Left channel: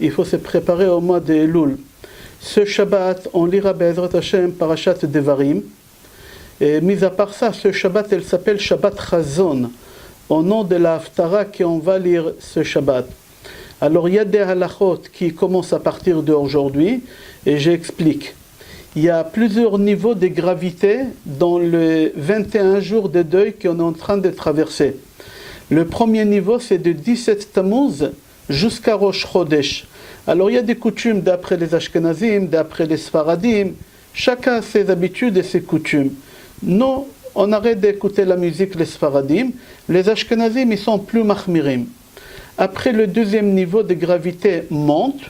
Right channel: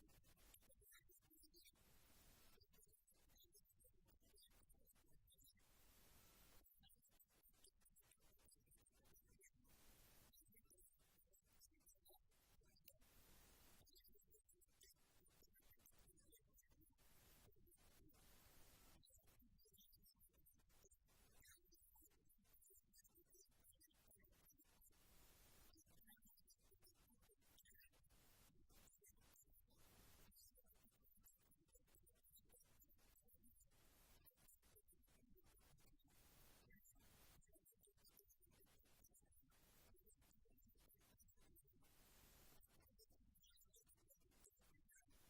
il faut se préparer au mois de Elul. Ce Shabbat, on lira Be'ezrat Hashem Parashat Devarim. Et mis à part ça, ce Shabbat, elle s'appelle Shabbat Chazon, au nom de la Haftara qu'on va lire ce Shabbat. Alors il y a des halachot qui commencent à partir d'aujourd'hui, et j'explique. Il y a plusieurs niveaux de gravité dans les 21 jours de deuil qu'on est en train de traverser. Le premier niveau, c'est de 17 Tammuz jusqu'à Rosh Chodesh. Alors il y a des coutumes d'après les Ashkenazim, d'après les Sfaradim. Chacun a ses habitudes et ses coutumes. Nous, on arrête d'écouter la musique, les Sfaradim. Les Ashkenazim, ils sont plus mahmirim. Après le deuxième niveau de gravité monte,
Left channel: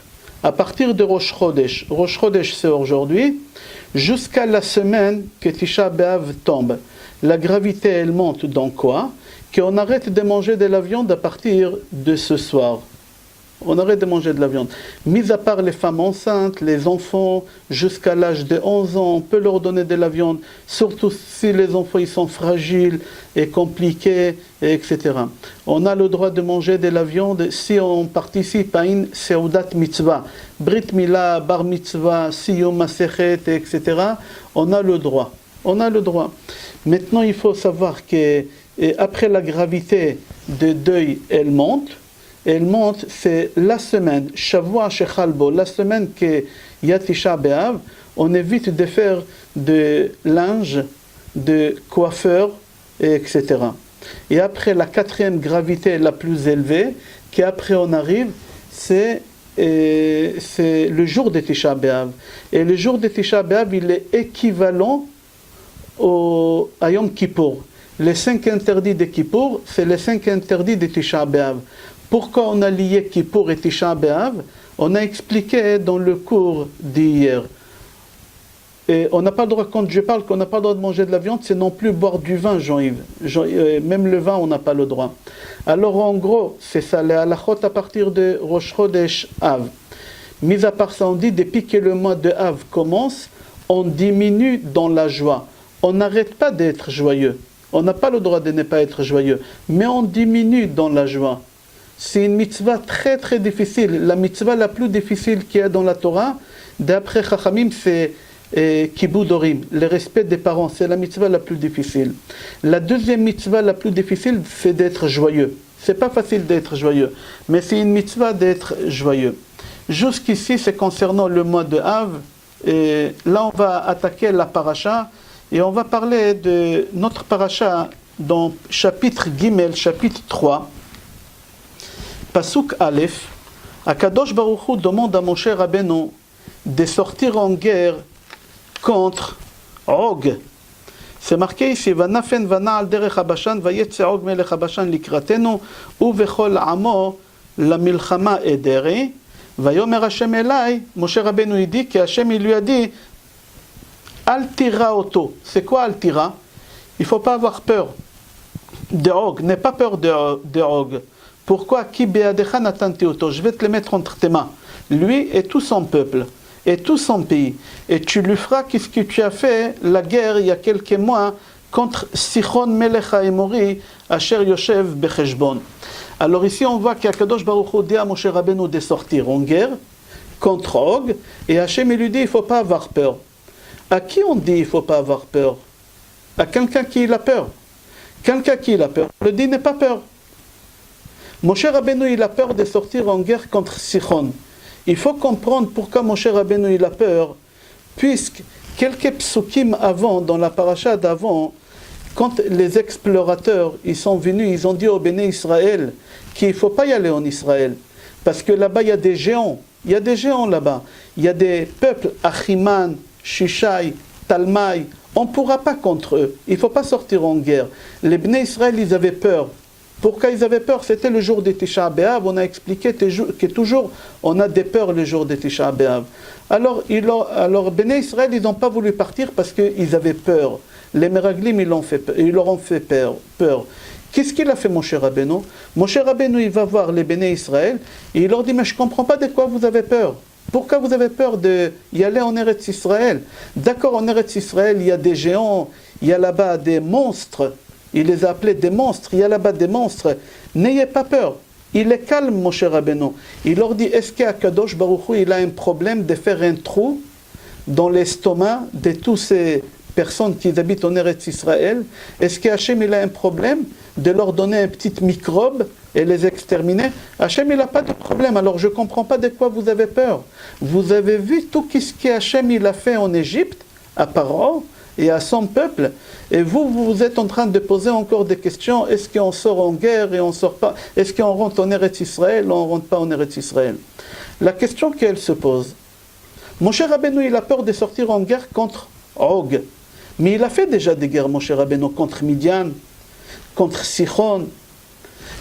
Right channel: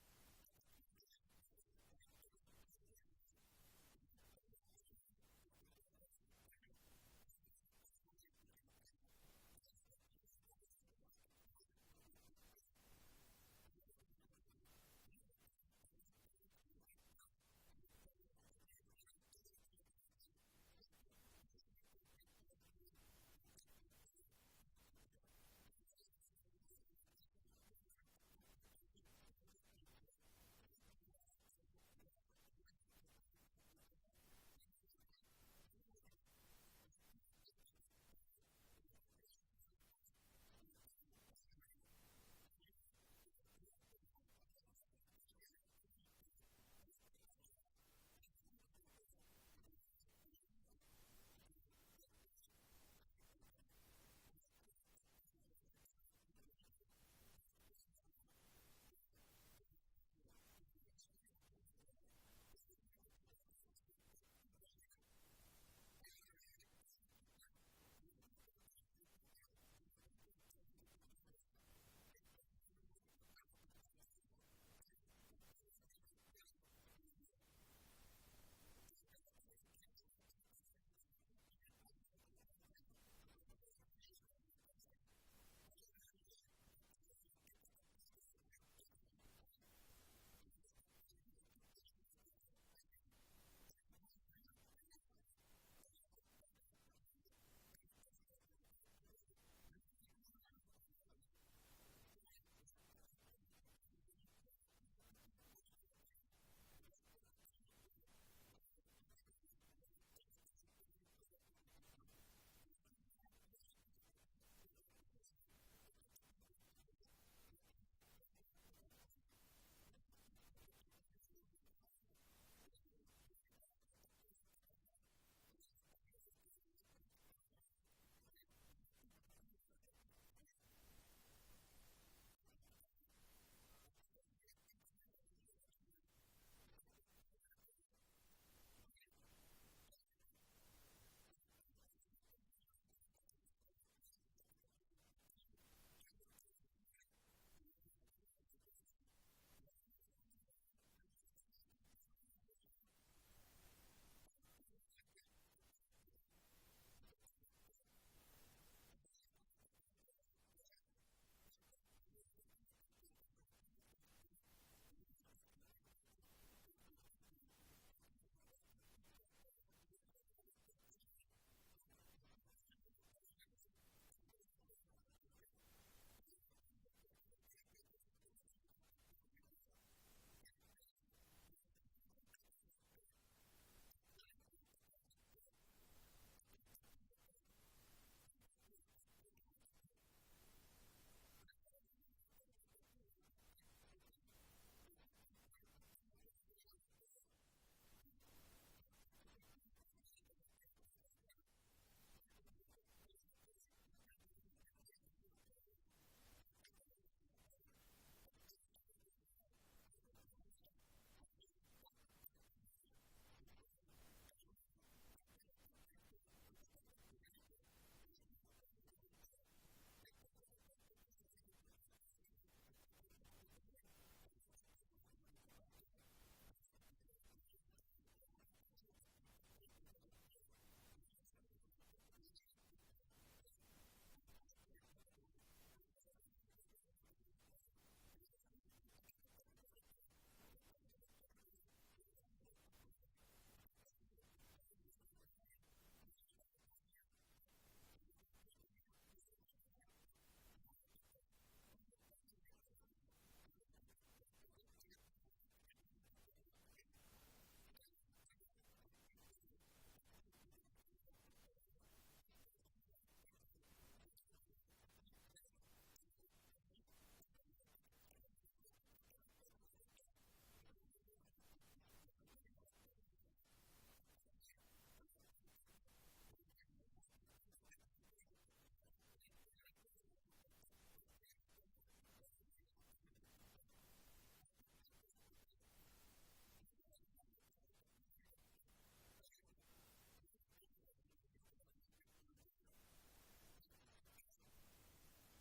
à partir de Rosh Chodesh. Rosh Chodesh, c'est aujourd'hui, jusqu'à la semaine que Tisha B'Av tombe. La gravité, elle monte dans quoi? Qu'on arrête de manger de la viande à partir de ce soir. On arrête de manger de la viande. Mis à part les femmes enceintes, les enfants, jusqu'à l'âge de 11 ans, on peut leur donner de la viande, surtout si les enfants ils sont fragiles et compliqués, etc. On a le droit de manger de la viande si on participe à une seudat mitzvah, brit mila, bar mitzvah, siyum masechet, etc. On a le droit. On a le droit. Maintenant, il faut savoir que après la gravité de deuil, elle monte, c'est la semaine, Shavua Shechalbo, la semaine que y a Tisha B'Av, on évite de faire de linge, de coiffeur, etc. Et après la quatrième gravité la plus élevée, qu'après on arrive, c'est le jour de Tisha B'Av. Et le jour de Tisha B'Av, il est équivalent à Yom Kippour. Les 5 interdits de Kippour, c'est les 5 interdits de Tisha B'Av. Pourquoi on a lié Kippour et Tisha B'Av? On a expliqué dans le cours d'hier. Et on n'a pas le droit, quand je parle qu'on n'a pas le droit de manger de la viande, c'est non plus boire du vin, Jean-Yves. Même le vin, on n'a pas le droit. Alors en gros, c'est ça, les halachot à partir de Rosh Chodesh Av. Mis à part ça, on dit, depuis que le mois de Av commence, on diminue dans la joie. On n'arrête pas d'être joyeux. On n'a pas le droit de ne pas être joyeux. Mais on diminue dans la joie. C'est une mitzvah très très difficile. La mitzvah la plus difficile qu'il y a dans la Torah, d'après Chachamim, c'est Kibud Orim, le respect des parents. C'est la mitzvah la plus difficile. La deuxième mitzvah la plus difficile, c'est d'être joyeux. C'est pas facile d'être joyeux, mais c'est une mitzvah d'être joyeux. Jusqu'ici, c'est concernant le mois de Av. Et là, on va attaquer la paracha et on va parler de notre paracha dans chapitre Gimel, chapitre 3. Pasuk Aleph, Akadosh Baruch Hu demande à Moshe Rabbeinu de sortir en guerre contre Og. C'est marqué ici, Vanafen vana'al derech habashan, vayetze Og melech habashan likratenu, uvechol amo la milchama ederi, vayomer Hashem elai, Moshe Rabbeinu dit que Hashem il lui a dit, Al tira auto. C'est quoi Al tira? Il ne faut pas avoir peur de Og, n'aie pas peur de Og. Pourquoi? Je vais te le mettre entre tes mains. Lui et tout son peuple, et tout son pays. Et tu lui feras qu'est-ce que tu as fait la guerre il y a quelques mois contre Sichon Melech HaEmori, Asher Yoshev Becheshbon. Alors ici on voit qu'Akadosh Baruch Hu dit à Moshe Rabbeinu de sortir en guerre contre Og, et Hachem lui dit il ne faut pas avoir peur. À qui on dit il ne faut pas avoir peur? À quelqu'un qui a peur. Quelqu'un qui a peur, on le dit n'aie pas peur. Moshe Rabbeinu il a peur de sortir en guerre contre Sichon. Il faut comprendre pourquoi Moshe Rabbeinu il a peur, puisque quelques psukim avant, dans la paracha d'avant, quand les explorateurs ils sont venus, ils ont dit au Béné Israël qu'il ne faut pas y aller en Israël, parce que là-bas il y a des géants, il y a des géants là-bas, il y a des peuples, Achiman, Shishai, Talmai, on ne pourra pas contre eux, il ne faut pas sortir en guerre. Les Béné Israël ils avaient peur. Pourquoi ils avaient peur? C'était le jour de Tisha B'Av. On a expliqué que toujours on a des peurs le jour de Tisha B'Av. Alors Béné Israël, ils n'ont pas voulu partir parce qu'ils avaient peur. Les Meraglim, ils leur ont fait peur. Qu'est-ce qu'il a fait Moshe Rabbeinu? Moshe Rabbeinu, il va voir les Béné Israël et il leur dit, mais je ne comprends pas de quoi vous avez peur. Pourquoi vous avez peur d'y aller en Eretz Israël? D'accord, en Eretz Israël, il y a des géants, il y a là-bas des monstres. Il les a appelés des monstres, il y a là-bas des monstres. N'ayez pas peur. il est calme, Moshe Rabbeinu. Il leur dit, est-ce qu'Akadosh Baruch Hu, il a un problème de faire un trou dans l'estomac de tous ces personnes qui habitent en Eretz Israël? Est-ce qu'Hachem, il a un problème de leur donner un petit microbe et les exterminer? Hachem, il n'a pas de problème. Alors je ne comprends pas de quoi vous avez peur. Vous avez vu tout ce qu'Hachem, il a fait en Égypte, à Paro et à son peuple, et vous êtes en train de poser encore des questions. Est-ce qu'on sort en guerre et on ne sort pas? Est-ce qu'on rentre en Eretz Israël ou on ne rentre pas en Eretz Israël? La question qu'elle se pose, Moshe Rabbeinu, il a peur de sortir en guerre contre Og, mais il a fait déjà des guerres, Moshe Rabbeinu, contre Midian, contre Sichon.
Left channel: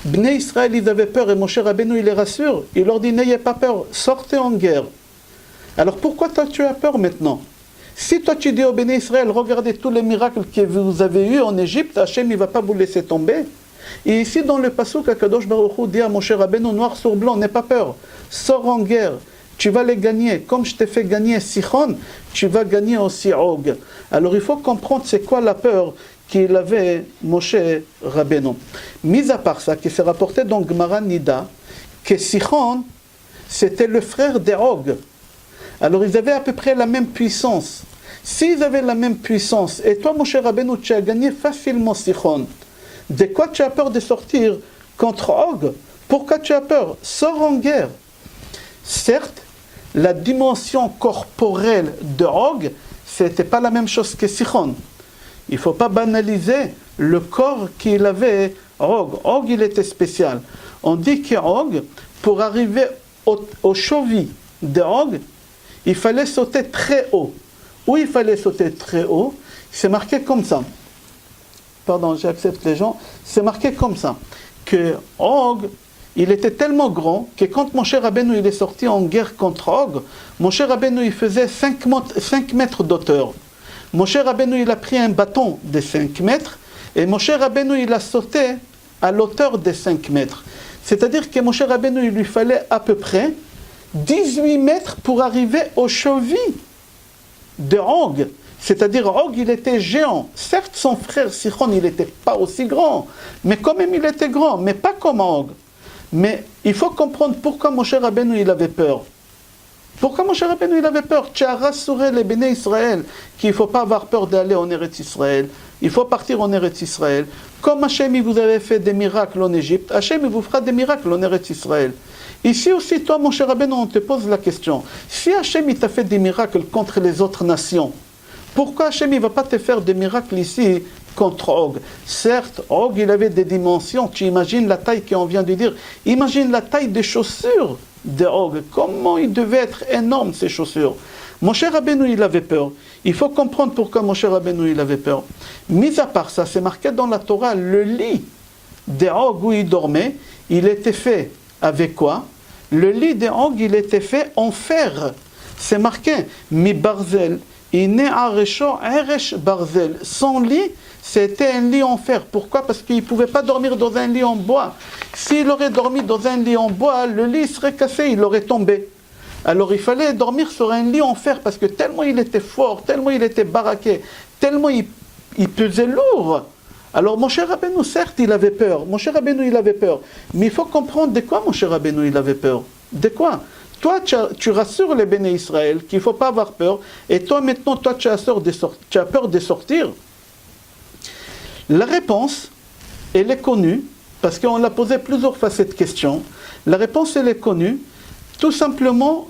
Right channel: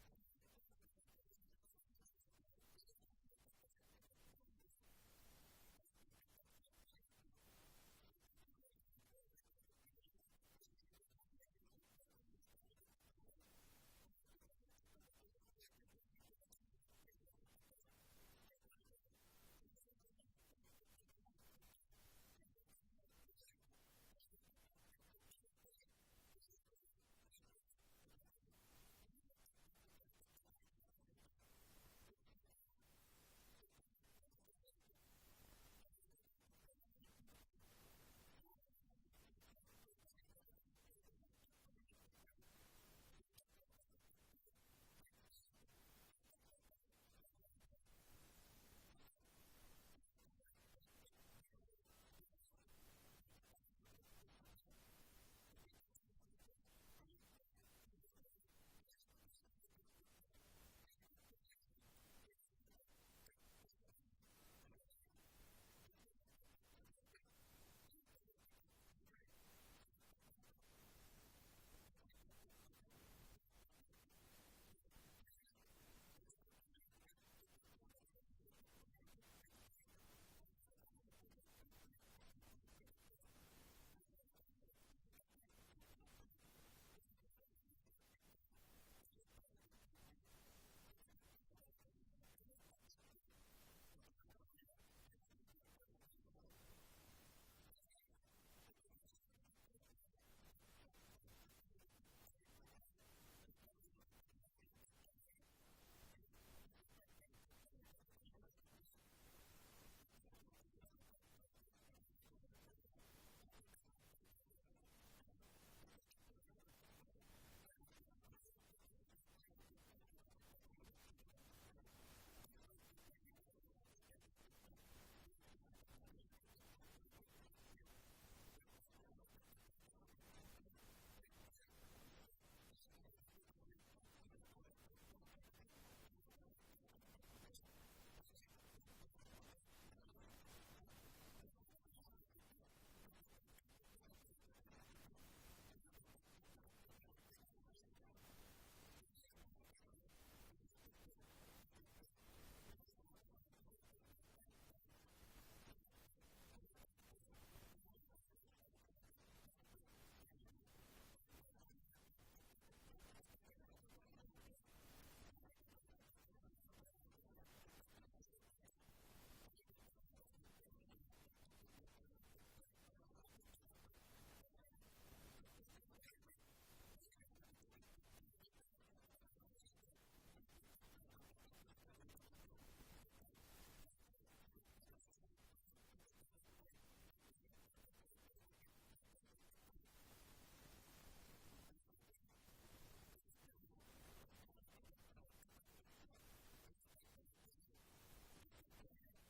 Bnei Israël, ils avaient peur, et Moshe Rabbeinu, il les rassure, il leur dit, n'ayez pas peur, sortez en guerre. Alors pourquoi toi tu as peur maintenant? Si toi tu dis au Bnei Israël, regardez tous les miracles que vous avez eus en Égypte, Hachem il ne va pas vous laisser tomber. Et ici dans le passouk, Akadosh Baruch Hu dit à Moshe Rabbeinu, noir sur blanc, n'aie pas peur, sors en guerre, tu vas les gagner. Comme je t'ai fait gagner Sichon, tu vas gagner aussi Og. Alors il faut comprendre c'est quoi la peur qu'il avait Moshe Rabbeinu. Mis à part ça, qui s'est rapporté dans Gemara Nida, que Sichon, c'était le frère de Og. Alors ils avaient à peu près la même puissance. S'ils avaient la même puissance, et toi Moshe Rabbeinu, tu as gagné facilement Sichon, de quoi tu as peur de sortir contre Og? Pourquoi tu as peur? Sors en guerre. Certes, la dimension corporelle de Og, ce n'était pas la même chose que Sichon. Il ne faut pas banaliser le corps qu'il avait Og. Og, il était spécial. On dit que Og, pour arriver au cheville de Og, il fallait sauter très haut. Où il fallait sauter très haut, c'est marqué comme ça. Pardon, j'accepte les gens. C'est marqué comme ça. Que Og, il était tellement grand que quand Moshe Rabbeinu il est sorti en guerre contre Og, Moshe Rabbeinu il faisait 5 mètres d'auteur. Moshe Rabbeinu il a pris un bâton de 5 mètres et Moshe Rabbeinu il a sauté à l'auteur de 5 mètres. C'est-à-dire que Moshe Rabbeinu il lui fallait à peu près 18 mètres pour arriver aux chevilles de Og. C'est-à-dire Og il était géant. Certes son frère Sichon il n'était pas aussi grand, mais quand même il était grand, mais pas comme Og. Mais il faut comprendre pourquoi Moshe Rabbeinu il avait peur. Pourquoi Moshe Rabbeinu il avait peur? Tu as rassuré les Béné Israël qu'il ne faut pas avoir peur d'aller en Eretz Israël. Il faut partir en Eretz Israël. Comme Hachem il vous avait fait des miracles en Égypte, Hachem il vous fera des miracles en Eretz Israël. Ici aussi, toi, Moshe Rabbeinu, on te pose la question. Si Hachem il t'a fait des miracles contre les autres nations, pourquoi Hachem il ne va pas te faire des miracles ici contre Og? Certes, Og il avait des dimensions. Tu imagines la taille qu'on vient de dire. Imagine la taille des chaussures de Og. Comment il devait être énorme ces chaussures. Moshe Rabbeinu il avait peur. Il faut comprendre pourquoi Moshe Rabbeinu il avait peur. Mis à part ça, c'est marqué dans la Torah, le lit de Og où il dormait, il était fait avec quoi? Le lit de Og il était fait en fer. C'est marqué mi barzel. Barzel. Son lit, c'était un lit en fer. Pourquoi? Parce qu'il ne pouvait pas dormir dans un lit en bois. S'il aurait dormi dans un lit en bois, le lit serait cassé, il aurait tombé. Alors il fallait dormir sur un lit en fer parce que tellement il était fort, tellement il était baraqué, tellement il pesait lourd. Alors Moshe Rabbeinu, certes, il avait peur. Moshe Rabbeinu, il avait peur. Mais il faut comprendre de quoi Moshe Rabbeinu, il avait peur. De quoi? Toi, tu rassures les Béné Israël qu'il ne faut pas avoir peur. Et toi, maintenant, toi, tu as peur de sortir. La réponse, elle est connue, parce qu'on l'a posé plusieurs fois cette question. La réponse, elle est connue. Tout simplement,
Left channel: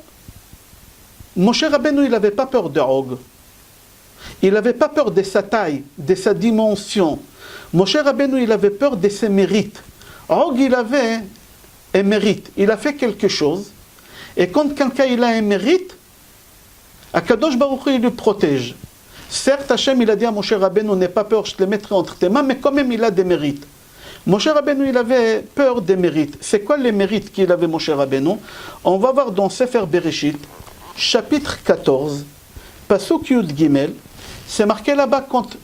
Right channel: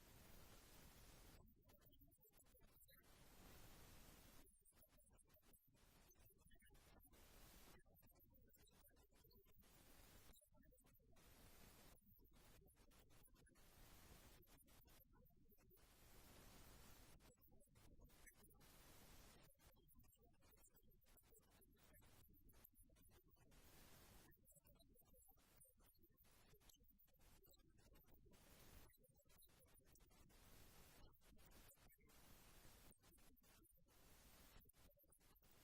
Moshe Rabbeinu, il n'avait pas peur de Og. Il n'avait pas peur de sa taille, de sa dimension. Moshe Rabbeinu, il avait peur de ses mérites. Og, il avait un mérite. Il a fait quelque chose. Et quand quelqu'un il a un mérite, Akadosh Baruch Hu, il le protège. Certes, Hachem, il a dit à Moshe Rabbeinu, n'aie pas peur, je te le mettrai entre tes mains, mais quand même, il a des mérites. Moshe Rabbeinu, il avait peur des mérites. C'est quoi les mérites qu'il avait, Moshe Rabbeinu? On va voir dans Sefer Bereshit, chapitre 14, Pasuk Yud Gimel, c'est marqué là-bas quand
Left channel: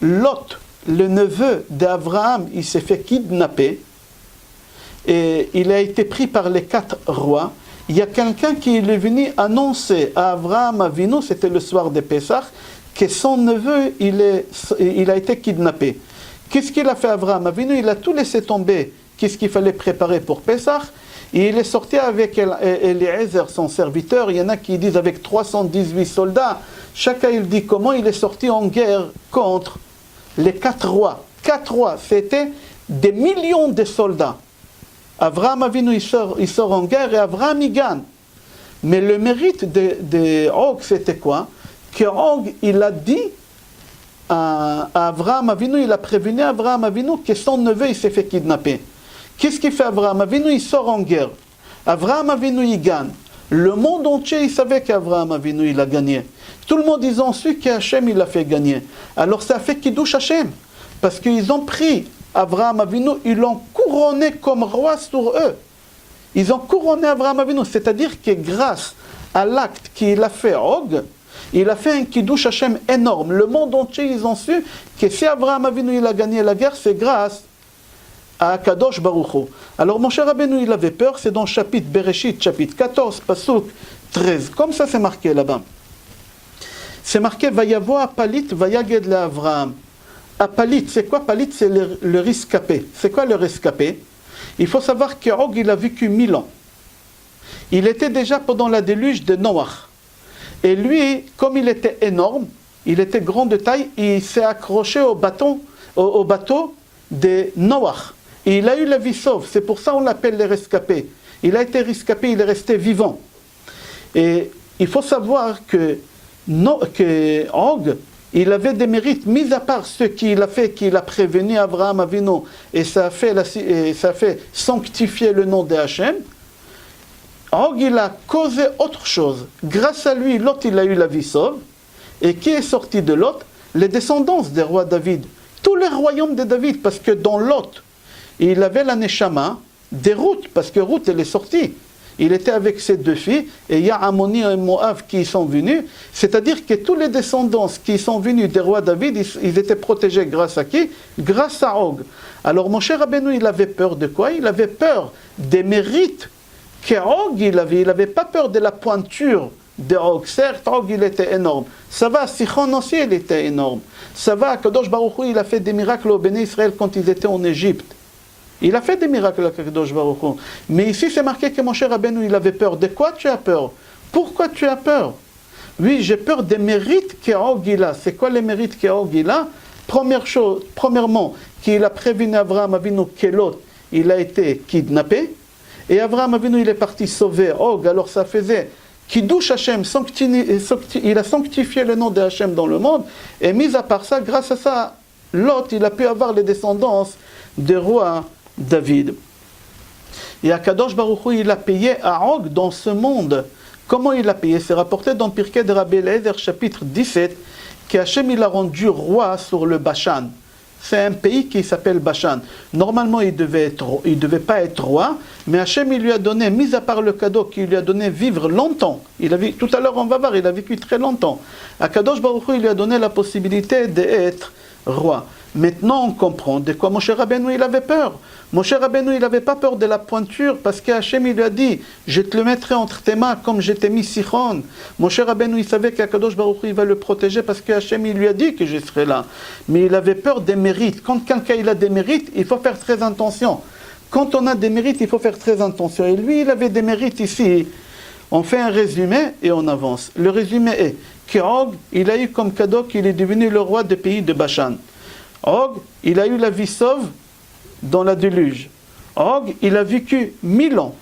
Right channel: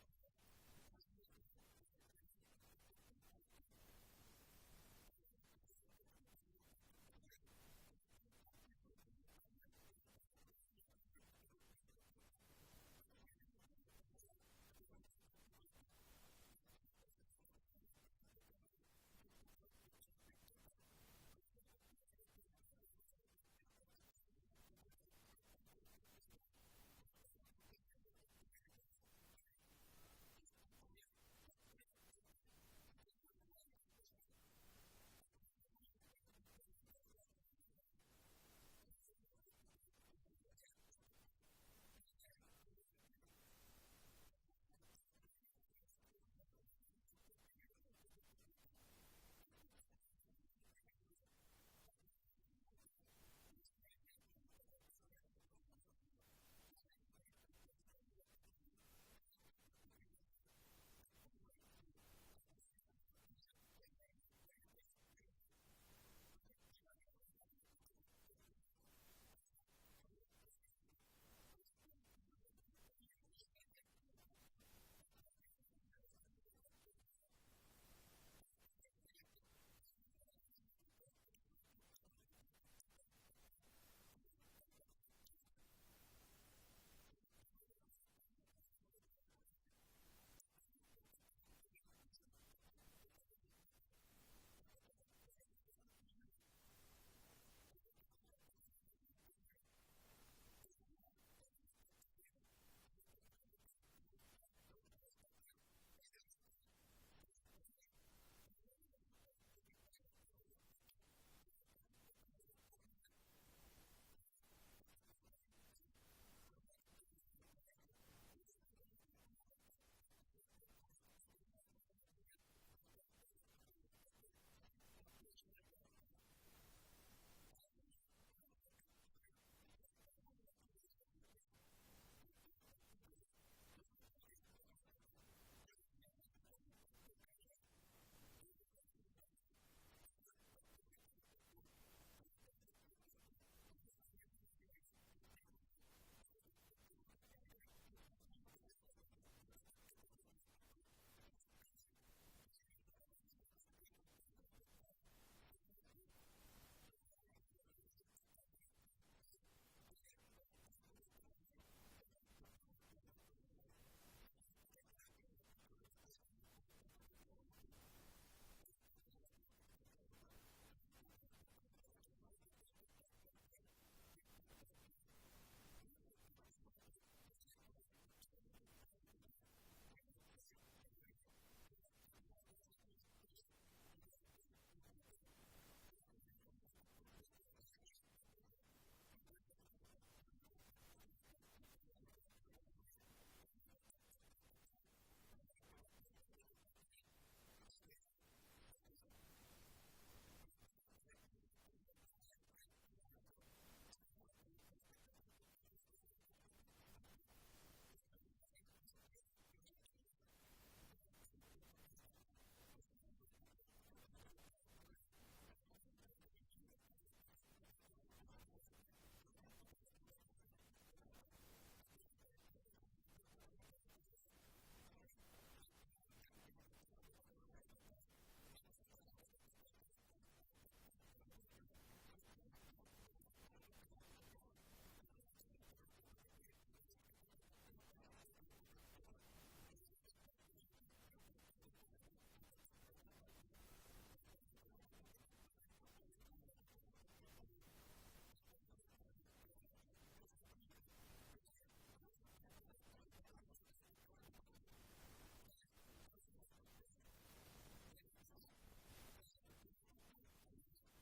Lot, le neveu d'Abraham, il s'est fait kidnapper, et il a été pris par les 4 rois. Il y a quelqu'un qui est venu annoncer à Abraham Avinu, c'était le soir de Pessah, que son neveu, il a été kidnappé. Qu'est-ce qu'il a fait Abraham Avinu? Il a tout laissé tomber qu'est-ce qu'il fallait préparer pour Pessah. Et il est sorti avec Eliezer, son serviteur. Il y en a qui disent avec 318 soldats. Chacun il dit comment il est sorti en guerre contre les 4 rois. 4 rois, c'était des millions de soldats. Abraham Avinu, il sort en guerre et Abraham, il gagne. Mais le mérite de Og, c'était quoi? Que Og, il a dit à Abraham Avinu, il a prévenu Abraham Avinu que son neveu, il s'est fait kidnapper. Qu'est-ce qu'il fait Abraham Avinu? Il sort en guerre. Abraham Avinu, il gagne. Le monde entier, il savait qu'Abraham Avinu, il a gagné. Tout le monde, ils ont su qu'Hachem, il a fait gagner. Alors ça a fait Kiddush Hachem. Parce qu'ils ont pris Abraham Avinu, ils l'ont couronné comme roi sur eux. Ils ont couronné Abraham Avinu. C'est-à-dire que grâce à l'acte qu'il a fait Og, il a fait un Kiddush Hachem énorme. Le monde entier, ils ont su que si Abraham Avinu, il a gagné la guerre, c'est grâce à Kadosh Baruch Hu. Alors Moshe Rabbeinu, il avait peur, c'est dans le chapitre Bereshit, chapitre 14, Pasuk 13. Comme ça, c'est marqué là-bas. C'est marqué Vayavo Apalit, Vayaged le Avraham. Apalit, c'est quoi Apalit? C'est le rescapé. C'est quoi le rescapé? Il faut savoir que Og, il a vécu 1000 ans. Il était déjà pendant la déluge de Noach. Et lui, comme il était énorme, il était grand de taille, il s'est accroché au bateau de Noach. Et il a eu la vie sauve. C'est pour ça qu'on l'appelle le rescapé. Il a été rescapé, il est resté vivant. Et il faut savoir que Og, il avait des mérites, mis à part ce qu'il a fait, qu'il a prévenu Abraham Avinu, et ça a fait sanctifier le nom de Hachem. Og, il a causé autre chose. Grâce à lui, Lot, il a eu la vie sauve. Et qui est sorti de Lot? Les descendants des rois David. Tous les royaumes de David, parce que dans Lot, il avait la Neshama des Ruth, parce que Ruth, elle est sortie. Il était avec ses 2 filles, et il y a Ammoni et Moab qui sont venus. C'est-à-dire que tous les descendants qui sont venus des rois David, ils étaient protégés grâce à qui? Grâce à Og. Alors mon cher Rabbeinu, il avait peur de quoi? Il avait peur des mérites qu'Og il avait. Il n'avait pas peur de la pointure de Og. Certes, Og, il était énorme. Ça va, Sichon aussi, il était énorme. Ça va, Kadosh Baruch Hu, il a fait des miracles au Béné Israël quand ils étaient en Égypte. Il a fait des miracles à Kadosh Baruch Hu. Mais ici, c'est marqué que mon cher Rabbeinu, il avait peur. De quoi tu as peur? Pourquoi tu as peur? Oui, j'ai peur des mérites qu'Og il a. C'est quoi les mérites qu'Og il a? Premièrement, qu'il a prévenu Abraham Avinu que Lot, il a été kidnappé. Et Abraham Avinu, il est parti sauver Og. Alors ça faisait Kiddush Hachem, il a sanctifié le nom de Hachem dans le monde. Et mis à part ça, grâce à ça, Lot, il a pu avoir les descendances des rois David. Et Akadosh Baruch Hu, il a payé à Og dans ce monde. Comment il a payé? C'est rapporté dans Pirkei de Rabbi Eliezer, chapitre 17, qu'Hachem il a rendu roi sur le Bashan. C'est un pays qui s'appelle Bashan. Normalement, il devait pas être roi, mais Hachem il lui a donné, mis à part le cadeau qu'il lui a donné, vivre longtemps. Tout à l'heure, on va voir, il a vécu très longtemps. Akadosh Baruch Hu, il lui a donné la possibilité d'être roi. Maintenant, on comprend de quoi Moshe Rabbeinu il avait peur. Moshe Rabbeinu il n'avait pas peur de la pointure parce qu'Hachem il lui a dit je te le mettrai entre tes mains comme je t'ai mis Sichon. Moshe Rabbeinu il savait qu'Akadosh Baruch Hu il va le protéger parce qu'Hachem il lui a dit que je serai là. Mais il avait peur des mérites. Quand quelqu'un il a des mérites, il faut faire très attention. Quand on a des mérites, il faut faire très attention. Et lui il avait des mérites ici. On fait un résumé et on avance. Le résumé est qu'Og il a eu comme cadeau qu'il est devenu le roi des pays de Bashan. Og, il a eu la vie sauve dans la déluge. Og, il a vécu 1000 ans.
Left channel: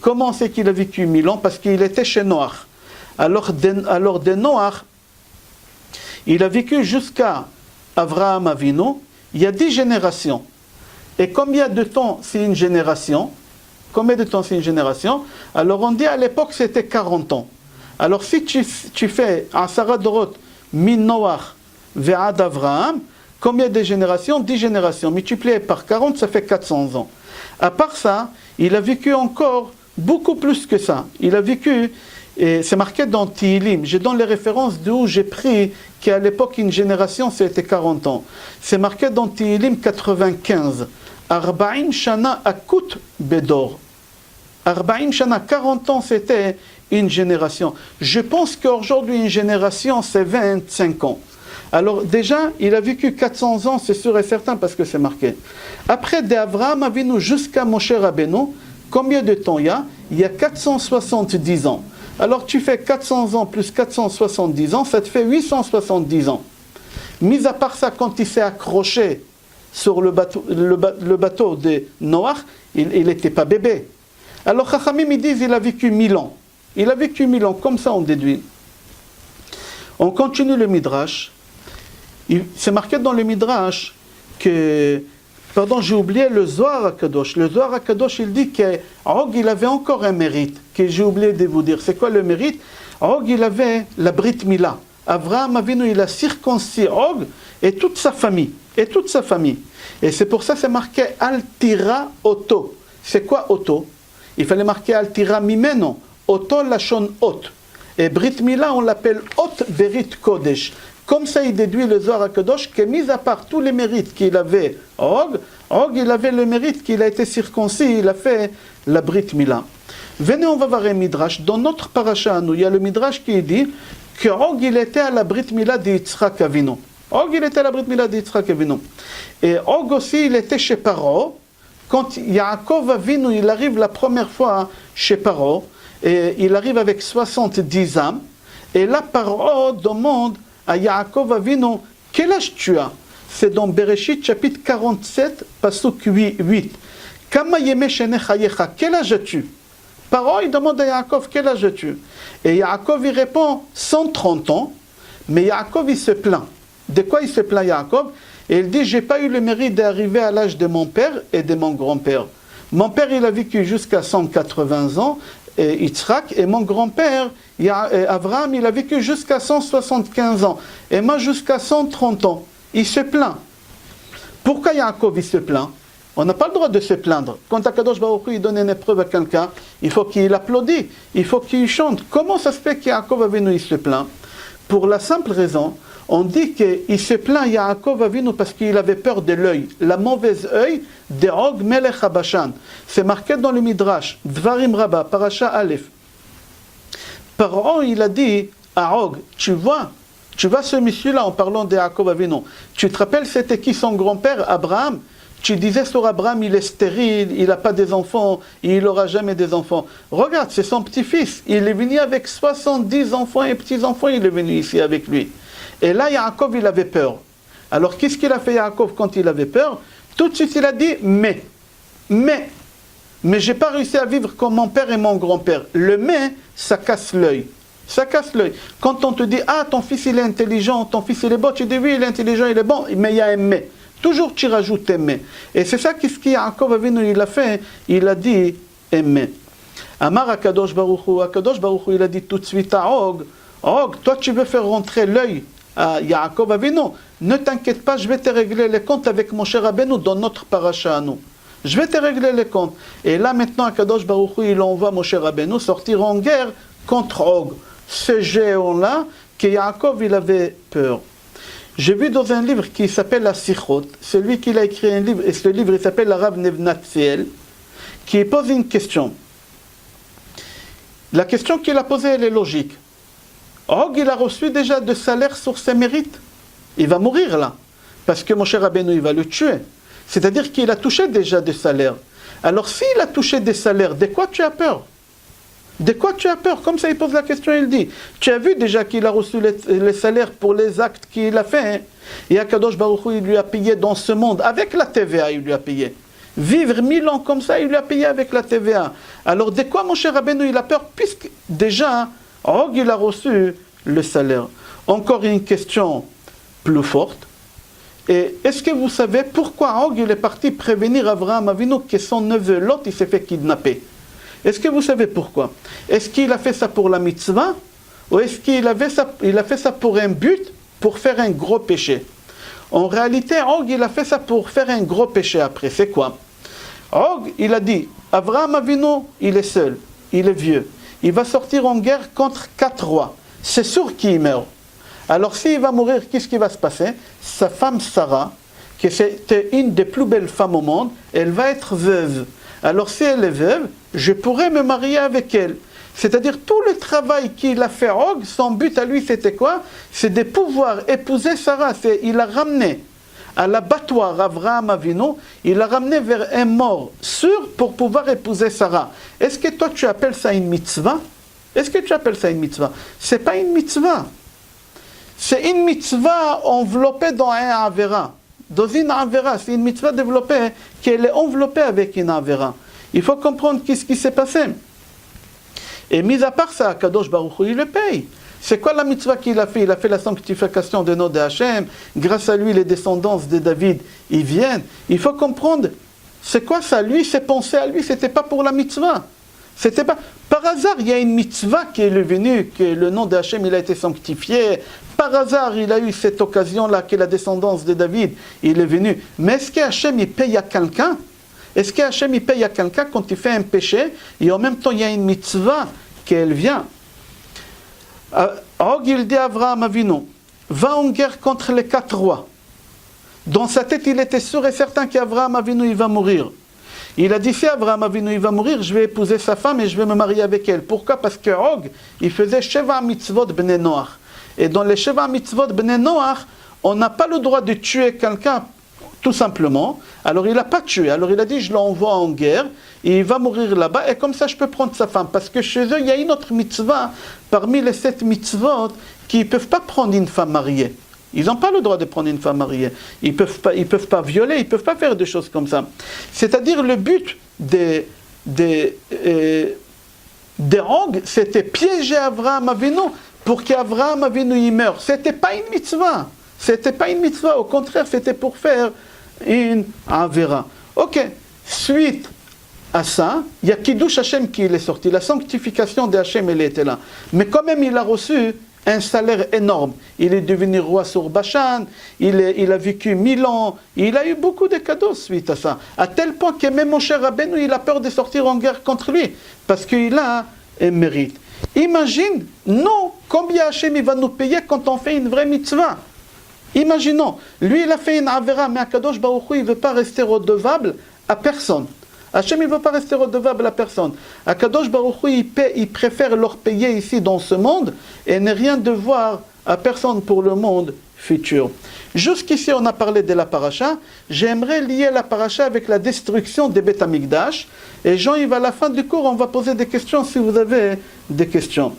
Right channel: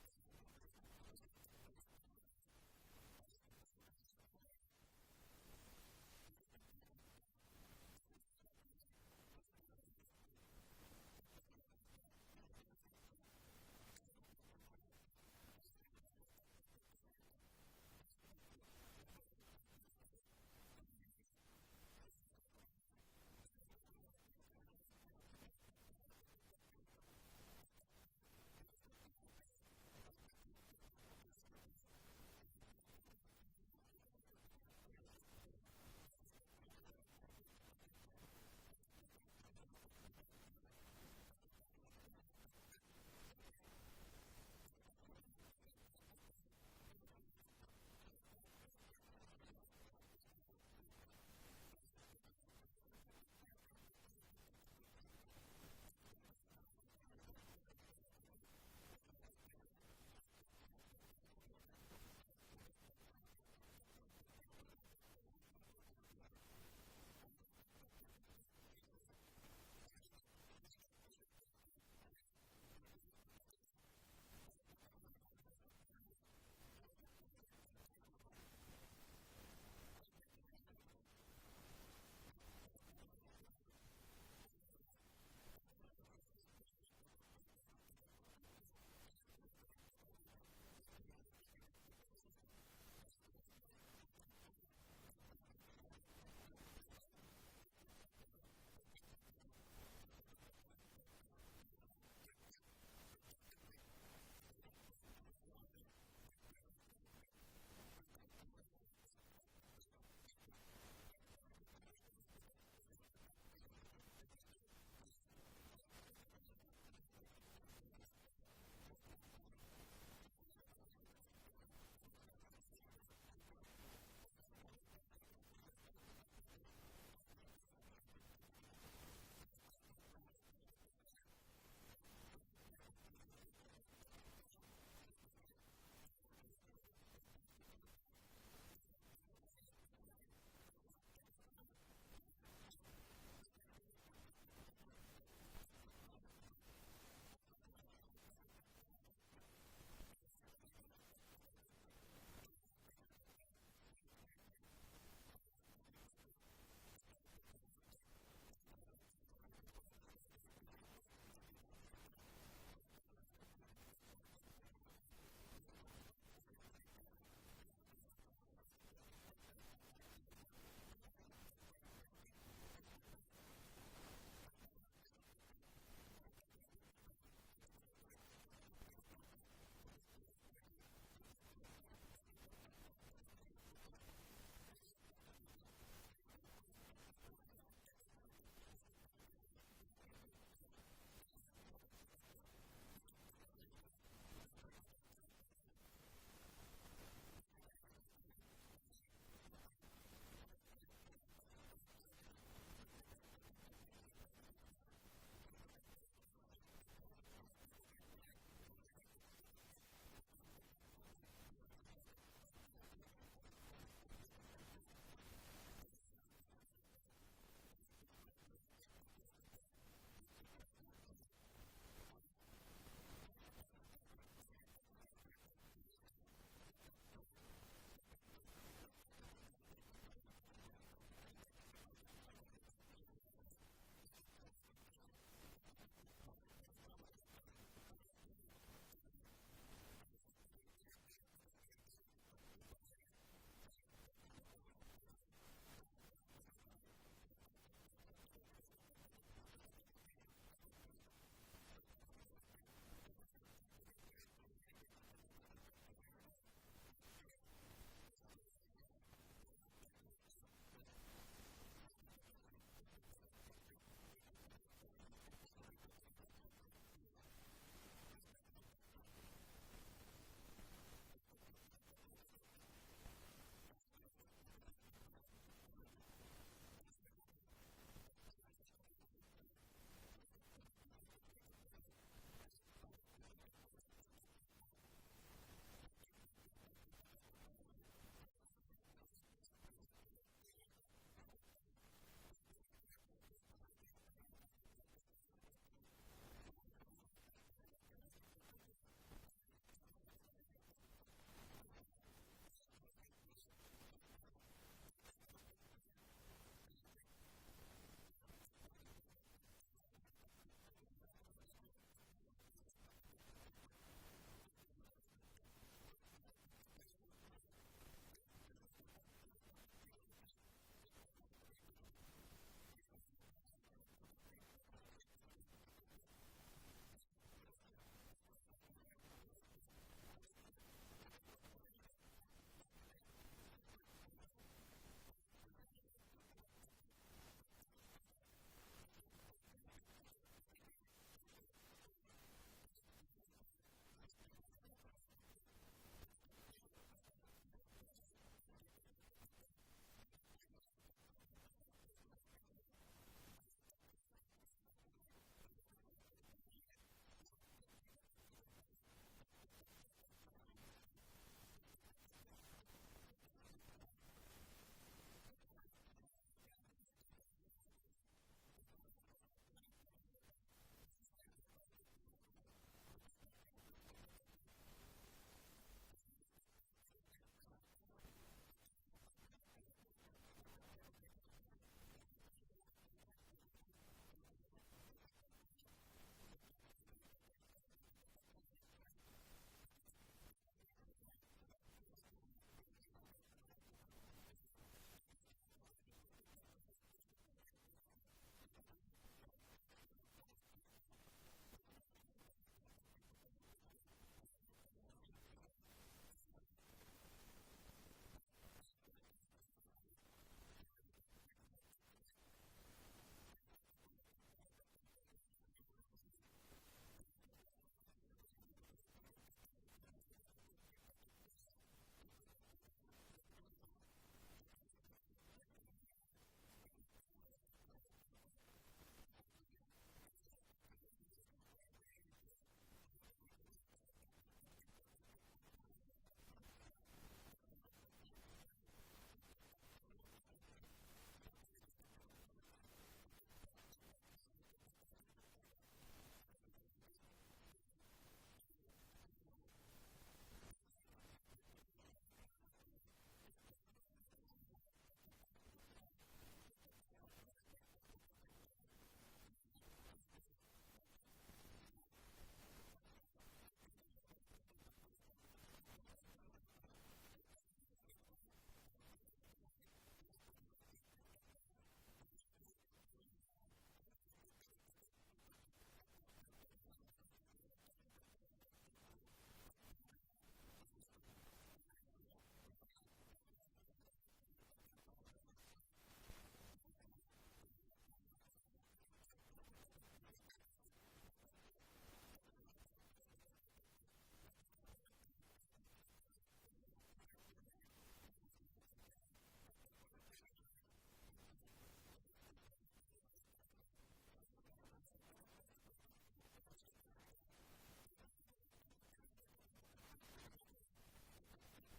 Comment c'est qu'il a vécu 1000 ans? Parce qu'il était chez Noach. Alors de Noach, il a vécu jusqu'à Abraham Avinu. Il y a 10 générations. Et combien de temps c'est une génération? Combien de temps c'est une génération? Alors on dit à l'époque c'était 40 ans. Alors si tu fais Asara Dorot min Noach ve'ad Avraham, combien de générations? 10 générations. Multiplié par 40, ça fait 400 ans. À part ça, il a vécu encore beaucoup plus que ça. Il a vécu, et c'est marqué dans Tihilim, je donne les références d'où j'ai pris qu'à l'époque, une génération, c'était 40 ans. C'est marqué dans Tihilim 95. Arba'im Shana Akut Bedor. Arba'im Shana, 40 ans, c'était une génération. Je pense qu'aujourd'hui, une génération, c'est 25 ans. Alors déjà, il a vécu 400 ans, c'est sûr et certain, parce que c'est marqué. Après, d'Avraham Avinu jusqu'à Moshe Rabbeinu, combien de temps il y a? Il y a 470 ans. Alors tu fais 400 ans plus 470 ans, ça te fait 870 ans. Mis à part ça, quand il s'est accroché sur le bateau de Noach, il n'était pas bébé. Alors Chachamim, ils disent qu'il a vécu 1000 ans. Il a vécu 1000 ans, comme ça on déduit. On continue le Midrash. C'est marqué dans le Midrash que... Pardon, j'ai oublié le Zohar HaKadosh. Le Zohar HaKadosh, il dit qu'Og, il avait encore un mérite, que j'ai oublié de vous dire. C'est quoi le mérite? Og, il avait la Brit Mila. Avraham Avinu, il a circoncis Og et toute sa famille. Et c'est pour ça que c'est marqué Altira Oto. C'est quoi Oto? Il fallait marquer Altira Mimeno. Oto Lashon Ot. Et Brit Mila, on l'appelle Ot Berit Kodesh. Comme ça, il déduit le Zohar HaKadosh que, mis à part tous les mérites qu'il avait, Og, il avait le mérite qu'il a été circoncis, il a fait la Brit Mila. Venez, on va voir un Midrash. Dans notre paracha, nous, il y a le Midrash qui dit que Og, il était à la Brit Mila de Yitzhak Avinu. Og, il était à la Brit Mila de Yitzhak Avinu. Et Og aussi, il était chez Paro. Quand Yaakov Avinu, il arrive la première fois chez Paro, et il arrive avec 70 âmes, et là, Paro demande à Yaakov Avinu, quel âge tu as? C'est dans Bereshit chapitre 47, pasuk 8. Kama yeme shenechayecha, quel âge as-tu? Paro, il demande à Yaakov, quel âge as-tu? Et Yaakov, il répond, 130 ans, mais Yaakov, il se plaint. De quoi il se plaint, Yaakov? Et il dit, j'ai pas eu le mérite d'arriver à l'âge de mon père et de mon grand-père. Mon père, il a vécu jusqu'à 180 ans, et Yitzhak, et mon grand-père, Avraham, il a vécu jusqu'à 175 ans, et moi jusqu'à 130 ans. Il se plaint. Pourquoi Yaakov, il se plaint? On n'a pas le droit de se plaindre. Quand Akadosh Baruch Hu, il donne une épreuve à quelqu'un, il faut qu'il applaudisse, il faut qu'il chante. Comment ça se fait qu'Yaakov Avinu, il se plaint? Pour la simple raison, on dit qu'il se plaint Yaakov Avinu parce qu'il avait peur de l'œil, la mauvaise œil de Og Melech HaBashan. C'est marqué dans le Midrash, Dvarim Rabbah, Parasha Aleph. Paro, il a dit à Og, tu vois ce monsieur-là en parlant de Yaakov Avinu. Tu te rappelles, c'était qui son grand-père, Abraham? Tu disais sur Abraham, il est stérile, il n'a pas des enfants, il n'aura jamais des enfants. Regarde, c'est son petit-fils. Il est venu avec 70 enfants et petits-enfants, il est venu ici avec lui. Et là, Yaakov, il avait peur. Alors, qu'est-ce qu'il a fait, Yaakov, quand il avait peur? Tout de suite, il a dit, mais je n'ai pas réussi à vivre comme mon père et mon grand-père. Le mais, ça casse l'œil. Ça casse l'œil. Quand on te dit, ah, ton fils, il est intelligent, ton fils, il est bon, tu dis, oui, il est intelligent, il est bon, mais il y a un mais. Toujours, tu rajoutes un mais. Et c'est ça qu'est-ce que Yaakov Avinu, il a fait. Il a dit, un mais. Amar Akadosh Baruch Hu, il a dit tout de suite à Og, toi, tu veux faire rentrer l'œil à Yaakov Avinu, ne t'inquiète pas, je vais te régler les comptes avec mon cher Rabbeinu dans notre paracha à nous. Je vais te régler les comptes. Et là maintenant, Akadosh Baruch Hu, il envoie mon cher Rabbeinu sortir en guerre contre Og. Ce géant-là, que Yaakov, il avait peur. J'ai vu dans un livre qui s'appelle La Sichot, celui qui a écrit un livre, et ce livre il s'appelle la Rav Nevnat Tziel, qui pose une question. La question qu'il a posée, elle est logique. Og, il a reçu déjà de salaire sur ses mérites. Il va mourir là, parce que mon cher Rabbeinu, il va le tuer. C'est-à-dire qu'il a touché déjà des salaires. Alors s'il a touché des salaires, de quoi tu as peur? De quoi tu as peur? Comme ça, il pose la question, il dit, tu as vu déjà qu'il a reçu les salaires pour les actes qu'il a fait, hein? Et Akadosh Baruch Hu, il lui a payé dans ce monde, avec la TVA, il lui a payé. Vivre 1000 ans comme ça, il lui a payé avec la TVA. Alors de quoi mon cher Rabbeinu, il a peur? Puisque déjà, Og, il a reçu le salaire. Encore une question plus forte. Et est-ce que vous savez pourquoi Og, il est parti prévenir Avraham Avinu que son neveu Lot, il s'est fait kidnapper? Est-ce que vous savez pourquoi? Est-ce qu'il a fait ça pour la mitzvah? Ou est-ce qu'il a fait ça pour un but, pour faire un gros péché? En réalité, Og, il a fait ça pour faire un gros péché après. C'est quoi? Og, il a dit, Avraham Avinu, il est seul, il est vieux. Il va sortir en guerre contre 4 rois. C'est sûr qu'il meurt. Alors s'il va mourir, qu'est-ce qui va se passer? Sa femme Sarah, qui était une des plus belles femmes au monde, elle va être veuve. Alors si elle est veuve, je pourrais me marier avec elle. C'est-à-dire tout le travail qu'il a fait Og, son but à lui c'était quoi? C'est de pouvoir épouser Sarah. Il a ramené à l'abattoir Avraham Avinu, il l'a ramené vers un mort sûr pour pouvoir épouser Sarah. Est-ce que toi tu appelles ça une mitzvah? Est-ce que tu appelles ça une mitzvah? C'est pas une mitzvah. C'est une mitzvah enveloppée dans un avera. Dans une avera, c'est une mitzvah développée qui est enveloppée avec une avera. Il faut comprendre qu'est-ce qui s'est passé. Et mis à part ça, Kadosh Baruch Hu, il le paye. C'est quoi la mitzvah qu'il a fait? Il a fait la sanctification des noms de Hachem. Grâce à lui, les descendants de David, ils viennent. Il faut comprendre, c'est quoi ça? Lui, ses pensées à lui, c'était pas pour la mitzvah. C'était pas... Par hasard, il y a une mitzvah qui est venue, que le nom de Hachem, il a été sanctifié. Par hasard, il a eu cette occasion-là, que la descendance de David, il est venu. Mais est-ce que Hachem, il paye à quelqu'un? Est-ce que Hachem, il paye à quelqu'un quand il fait un péché, et en même temps, il y a une mitzvah qu'elle vient? Og, il dit à Avraham Avinu, va en guerre contre les 4 rois. Dans sa tête, il était sûr et certain qu'Avraham Avinu, il va mourir. Il a dit, si Avraham Avinu, il va mourir, je vais épouser sa femme et je vais me marier avec elle. Pourquoi? Parce que Og, il faisait Sheva mitzvot bnei Noach. Et dans les Sheva mitzvot bnei Noach, on n'a pas le droit de tuer quelqu'un, tout simplement. Alors il n'a pas tué. Alors il a dit, je l'envoie en guerre, et il va mourir là-bas, et comme ça je peux prendre sa femme. Parce que chez eux, il y a une autre mitzvah, parmi les 7 mitzvot, qui ne peuvent pas prendre une femme mariée. Ils n'ont pas le droit de prendre une femme mariée. Ils ne peuvent pas violer, ils ne peuvent pas faire des choses comme ça. C'est-à-dire le but des Og, c'était piéger Avraham Avinu pour qu'Avraham Avinu y meure. Ce n'était pas une mitzvah. C'était pas une mitzvah. Au contraire, c'était pour faire une avera. Ok, suite à ça, il y a Kiddush Hashem qui est sorti. La sanctification de Hashem, elle était là. Mais quand même, il a reçu un salaire énorme. Il est devenu roi sur Bashan, il a vécu 1000 ans, il a eu beaucoup de cadeaux suite à ça. À tel point que même mon cher Rabbeinu, il a peur de sortir en guerre contre lui, parce qu'il a un mérite. Imagine, non, combien Hachem il va nous payer quand on fait une vraie mitzvah. Imaginons, lui il a fait une avera, mais Akadosh Baruch Hu, il ne veut pas rester redevable à personne. Hachem il ne veut pas rester redevable à personne. Akadosh Baruch Hu, il préfère leur payer ici dans ce monde et ne rien devoir à personne pour le monde futur. Jusqu'ici on a parlé de la paracha. J'aimerais lier la paracha avec la destruction des Beth Amikdash. Et Jean-Yves, à la fin du cours, on va poser des questions si vous avez des questions.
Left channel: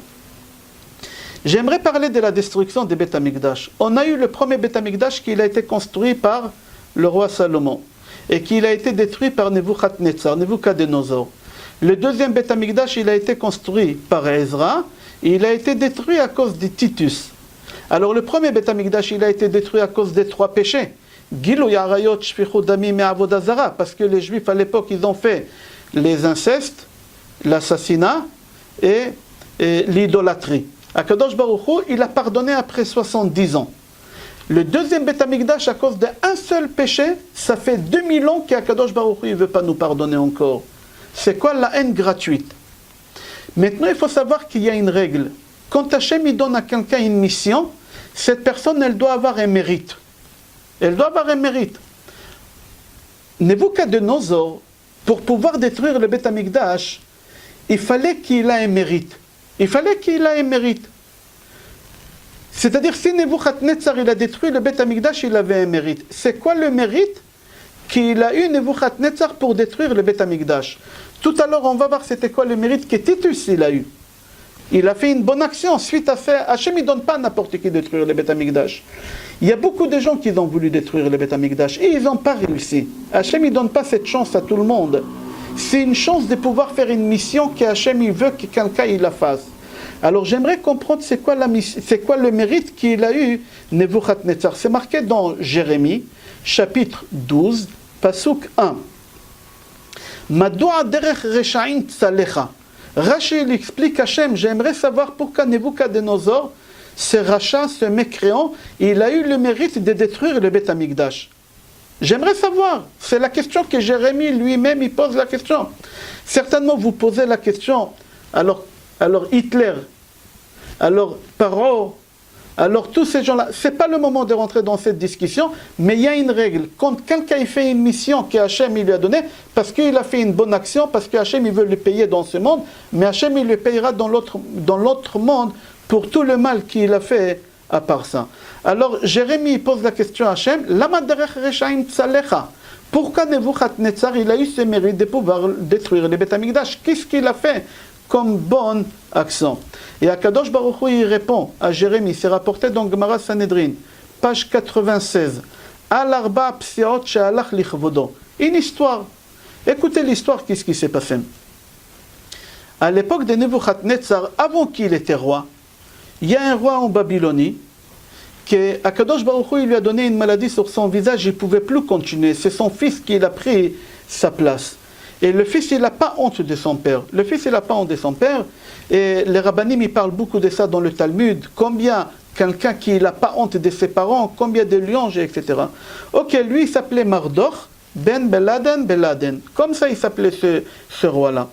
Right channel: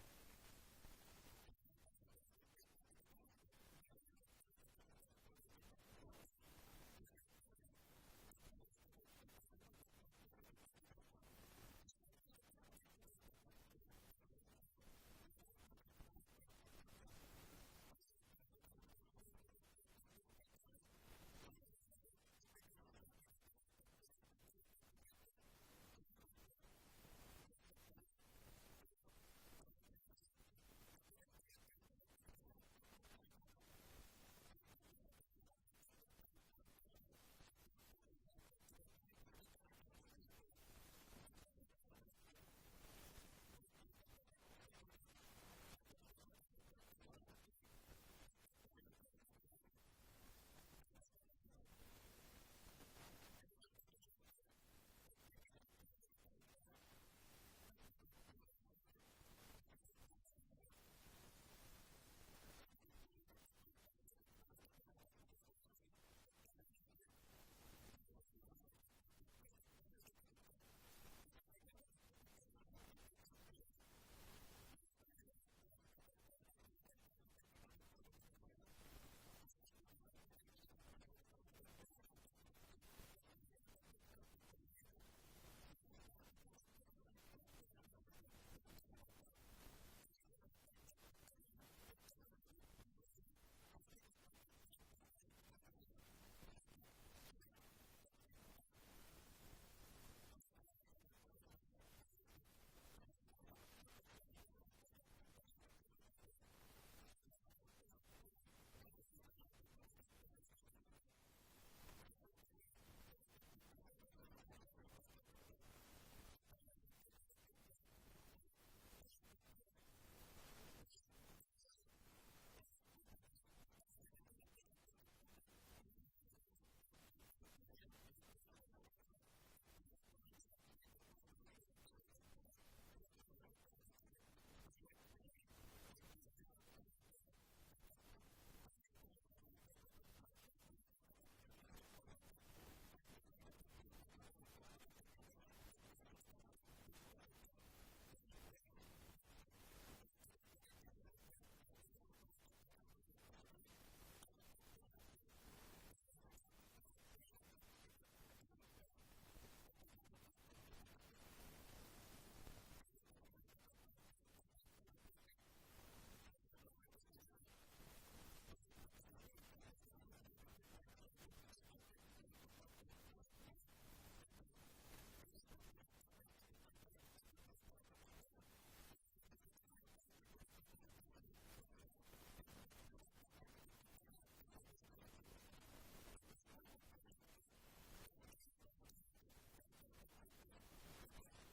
J'aimerais parler de la destruction des Beth Amikdash. On a eu le premier Beth Amikdash qui a été construit par le roi Salomon et qui a été détruit par Nebuchadnezzar. Le deuxième Beth Amikdash, il a été construit par Ezra et il a été détruit à cause de Titus. Alors le premier Beth Amikdash, il a été détruit à cause des 3 péchés. Gilui arayot shfichut damim et avodah zara, parce que les Juifs à l'époque, ils ont fait les incestes, l'assassinat et l'idolâtrie. Akadosh Baruch Hu, il a pardonné après 70 ans. Le deuxième Beth Amikdash, à cause d'un seul péché, ça fait 2000 ans qu'Akadosh Baruch Hu ne veut pas nous pardonner encore. C'est quoi la haine gratuite? Maintenant, il faut savoir qu'il y a une règle. Quand Hachem il donne à quelqu'un une mission, cette personne, elle doit avoir un mérite. Elle doit avoir un mérite. Nebuchadnezzar, pour pouvoir détruire le Beth Amikdash, il fallait qu'il ait un mérite. Il fallait qu'il ait un mérite. C'est-à-dire, si Nebuchadnezzar il a détruit le Beth Amikdash, il avait un mérite. C'est quoi le mérite qu'il a eu Nebuchadnezzar pour détruire le Beth Amikdash? Tout à l'heure, on va voir c'était quoi le mérite que Titus il a eu. Il a fait une bonne action. Suite à ça, Hachem ne donne pas à n'importe qui détruire le Beth Amikdash. Il y a beaucoup de gens qui ont voulu détruire le Beth Amikdash et ils n'ont pas réussi. Hachem ne donne pas cette chance à tout le monde. C'est une chance de pouvoir faire une mission que Hachem il veut que quelqu'un il la fasse. Alors j'aimerais comprendre c'est quoi le mérite qu'il a eu Nebuchadnezzar. C'est marqué dans Jérémie, chapitre 12, pasuk 1. Madoua derech reshaim tzalecha. Rashi il explique Hachem, j'aimerais savoir pourquoi Nebuchadnezzar, ce rachat, ce mécréant, il a eu le mérite de détruire le Beth Amikdash. J'aimerais savoir. C'est la question que Jérémie lui-même il pose la question. Certainement vous posez la question. Alors Hitler, alors Paro, Alors tous ces gens-là, ce n'est pas le moment de rentrer dans cette discussion, mais il y a une règle. Quand quelqu'un fait une mission que Hachem il lui a donnée, parce qu'il a fait une bonne action, parce que Hachem il veut le payer dans ce monde, mais Hachem il le payera dans l'autre monde pour tout le mal qu'il a fait à part ça. Alors Jérémie pose la question à Hachem, Lama derech reshaim tzalecha? Pourquoi Nebuchadnezzar il a eu ce mérite de pouvoir détruire les Beth Amikdash? Qu'est-ce qu'il a fait comme bonne action? Et Akadosh Baruch Hu il répond à Jérémie, c'est rapporté dans Gemara Sanhedrin, page 96. Al arba psiot she'alach lichvodo. Une histoire. Écoutez l'histoire, qu'est-ce qui s'est passé? À l'époque de Nebuchadnezzar, avant qu'il était roi, il y a un roi en Babylonie que Akadosh Baruch Hu il lui a donné une maladie sur son visage, il ne pouvait plus continuer. C'est son fils qui a pris sa place. Et le fils, il n'a pas honte de son père. Le fils, il n'a pas honte de son père. Et les rabbinim, ils parlent beaucoup de ça dans le Talmud. Combien quelqu'un qui n'a pas honte de ses parents, combien de louanges, etc. Ok, lui, il s'appelait Mardok ben Beladen. Comme ça, il s'appelait ce roi-là.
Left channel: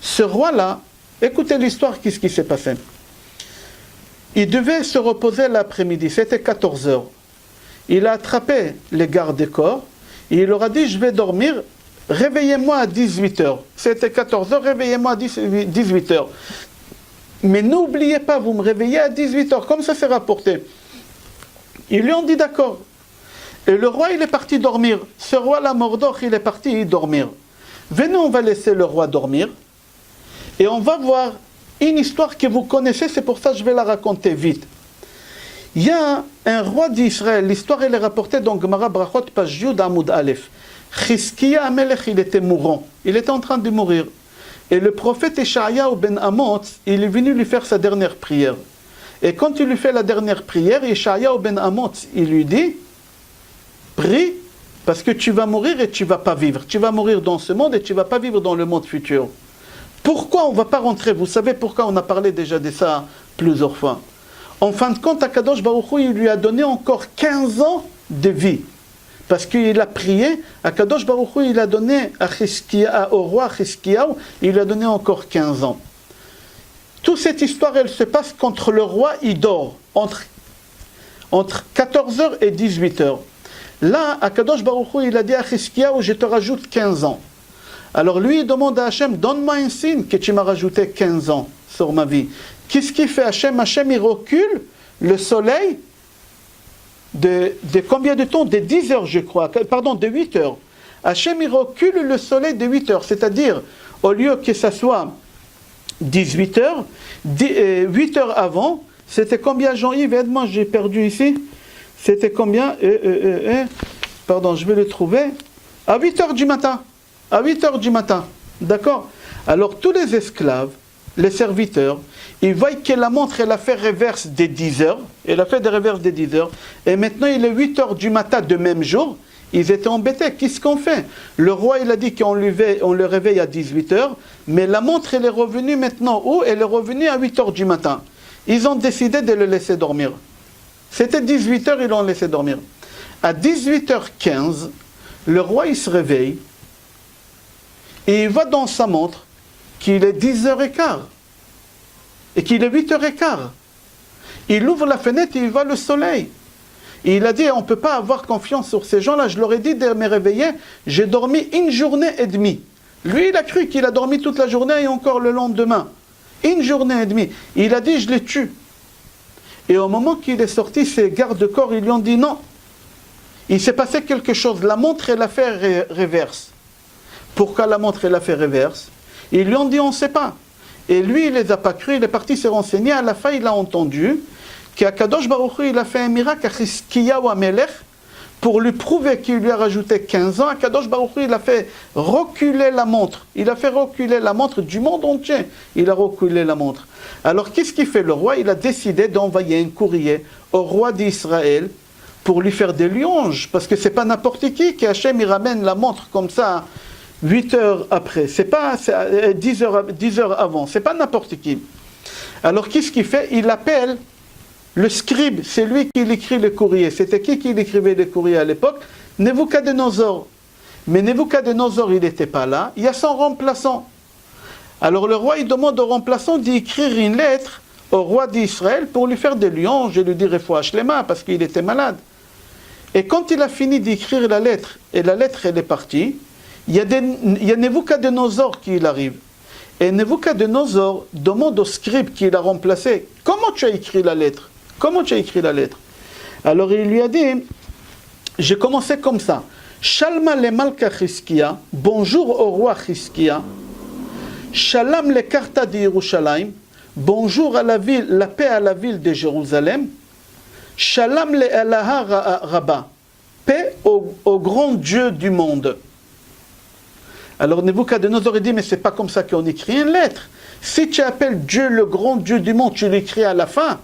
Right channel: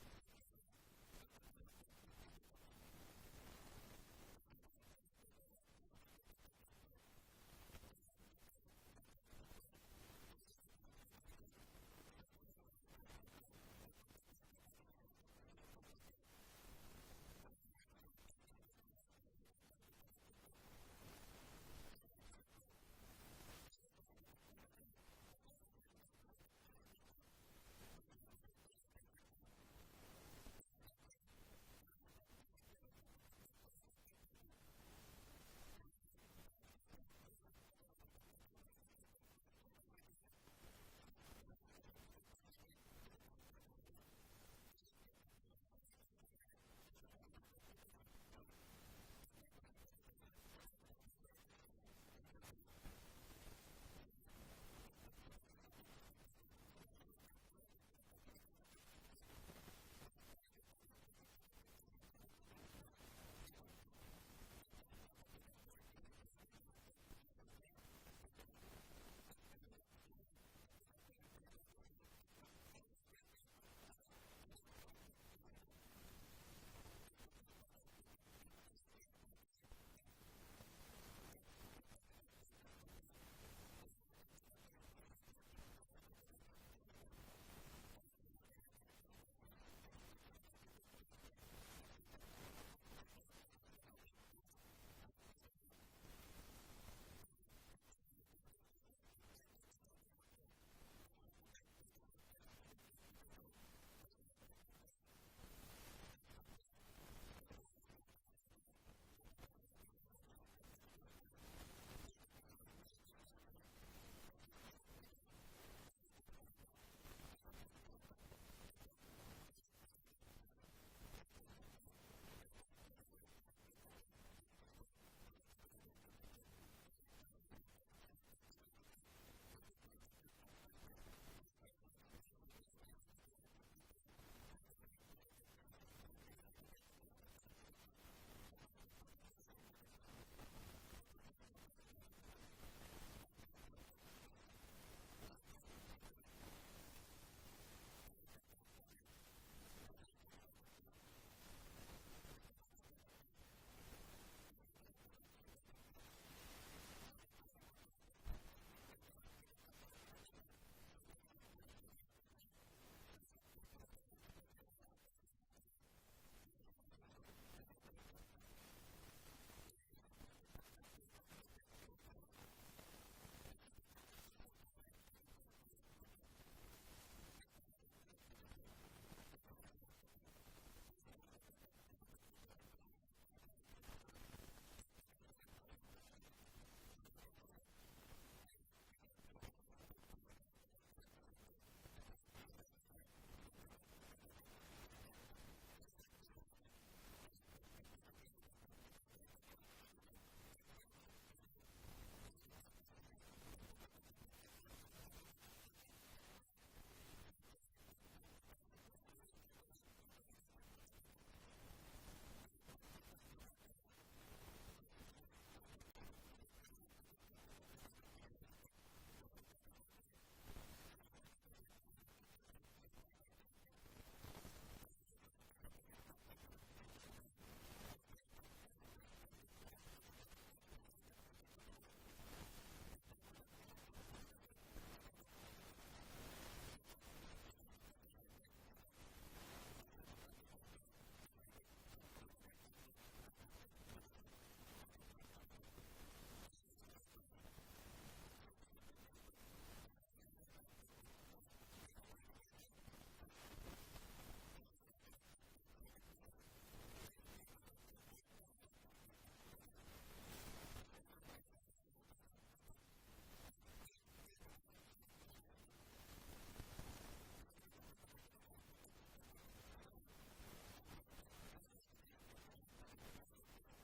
Ce roi-là, écoutez l'histoire, qu'est-ce qui s'est passé? Il devait se reposer l'après-midi, c'était 14 heures. Il a attrapé les gardes des corps et il leur a dit, je vais dormir, réveillez-moi à 18 heures. C'était 14 heures, réveillez-moi à 18 heures. Mais n'oubliez pas, vous me réveillez à 18 heures, comme ça c'est rapporté. Ils lui ont dit d'accord. Et le roi, il est parti dormir. Ce roi-là, Mardok, il est parti dormir. Venez, on va laisser le roi dormir. Et on va voir une histoire que vous connaissez, c'est pour ça que je vais la raconter vite. Il y a un roi d'Israël, l'histoire elle est rapportée dans Gemara Brachot, page Yud Amud Aleph. Chizkiya Amelech, il était mourant, il était en train de mourir. Et le prophète Eshayahu ben Amoz, il est venu lui faire sa dernière prière. Et quand il lui fait la dernière prière, Eshayahu ben Amoz, il lui dit, prie, parce que tu vas mourir et tu ne vas pas vivre. Tu vas mourir dans ce monde et tu ne vas pas vivre dans le monde futur. Pourquoi on ne va pas rentrer? Vous savez pourquoi on a parlé déjà de ça plusieurs fois. En fin de compte, Akadosh Baruch Hu, il lui a donné encore 15 ans de vie. Parce qu'il a prié, Akadosh Baruch Hu, il a donné au roi Chizkiyahu, il lui a donné encore 15 ans. Toute cette histoire, elle se passe quand le roi, il dort, entre 14h et 18h. Là, Akadosh Baruch Hu, il a dit à Chizkiyahu, je te rajoute 15 ans. Alors lui, il demande à Hachem, donne-moi un signe que tu m'as rajouté 15 ans sur ma vie. Qu'est-ce qu'il fait Hachem? Hachem, il recule le soleil de combien de temps? De 10 heures, je crois. Pardon, de 8 heures. Hachem, il recule le soleil de 8 heures. C'est-à-dire, au lieu que ça soit 18 heures, 8 heures avant, c'était combien, Jean-Yves? Aide-moi, j'ai perdu ici. C'était combien? Pardon, je vais le trouver. À 8 heures du matin. À 8 heures du matin, d'accord? Alors tous les esclaves, les serviteurs, ils voient que la montre, elle a fait reverse des 10 heures, elle a fait des reverses des 10 heures, et maintenant il est 8 heures du matin de même jour, ils étaient embêtés, qu'est-ce qu'on fait? Le roi, il a dit qu'on le réveille à 18 heures, mais la montre, elle est revenue maintenant où? Elle est revenue à 8 heures du matin. Ils ont décidé de le laisser dormir. C'était 18 heures, ils l'ont laissé dormir. À 18h15, le roi, il se réveille, et il voit dans sa montre qu'il est 10h15 et qu'il est 8h15. Il ouvre la fenêtre et il voit le soleil. Et il a dit, on ne peut pas avoir confiance sur ces gens-là. Je leur ai dit de me réveiller, j'ai dormi 1 journée et demie. Lui, il a cru qu'il a dormi toute la journée et encore le lendemain. 1 journée et demie. Il a dit, je les tue. Et au moment qu'il est sorti, ses gardes-corps, ils lui ont dit non. Il s'est passé quelque chose. La montre, elle a fait reverse. Pourquoi la montre, elle a fait reverse? Ils lui ont dit, on ne sait pas. Et lui, il ne les a pas cru, il est parti se renseigner. À la fin, il a entendu qu'Akadosh Baruch Hu, il a fait un miracle à Chizkiyahu Amelech pour lui prouver qu'il lui a rajouté 15 ans. Akadosh Baruch Hu, il a fait reculer la montre. Il a fait reculer la montre du monde entier. Il a reculé la montre. Alors, qu'est-ce qu'il fait? Le roi, il a décidé d'envoyer un courrier au roi d'Israël pour lui faire des louanges. Parce que ce n'est pas n'importe qui Hachem, il ramène la montre comme ça 8 heures après, c'est pas 10 heures avant, c'est pas n'importe qui. Alors qu'est-ce qu'il fait? Il appelle le scribe, c'est lui qui écrit le courrier. C'était qui écrivait les courriers à l'époque? Nebuchadnezzar. Mais Nebuchadnezzar, il n'était pas là, il y a son remplaçant. Alors le roi, il demande au remplaçant d'écrire une lettre au roi d'Israël pour lui faire des louanges et lui dire Refoua Shlema parce qu'il était malade. Et quand il a fini d'écrire la lettre, et la lettre elle est partie, il y a Nebuchadnezzar qui arrive. Et Nebuchadnezzar demande au scribe qui l'a remplacé, comment tu as écrit la lettre? Comment tu as écrit la lettre? Alors il lui a dit, j'ai commencé comme ça. Shalma le Malka Chizkia, bonjour au roi Chizkia. Shalom le Karta de Yerushalayim, bonjour à la ville, la paix à la ville de Jérusalem. Shalom le Elah Rabba, paix au grand Dieu du monde. Alors Nebuchadnezzar dit, mais c'est pas comme ça qu'on écrit une lettre. Si tu appelles Dieu le grand Dieu du monde, tu l'écris à la fin.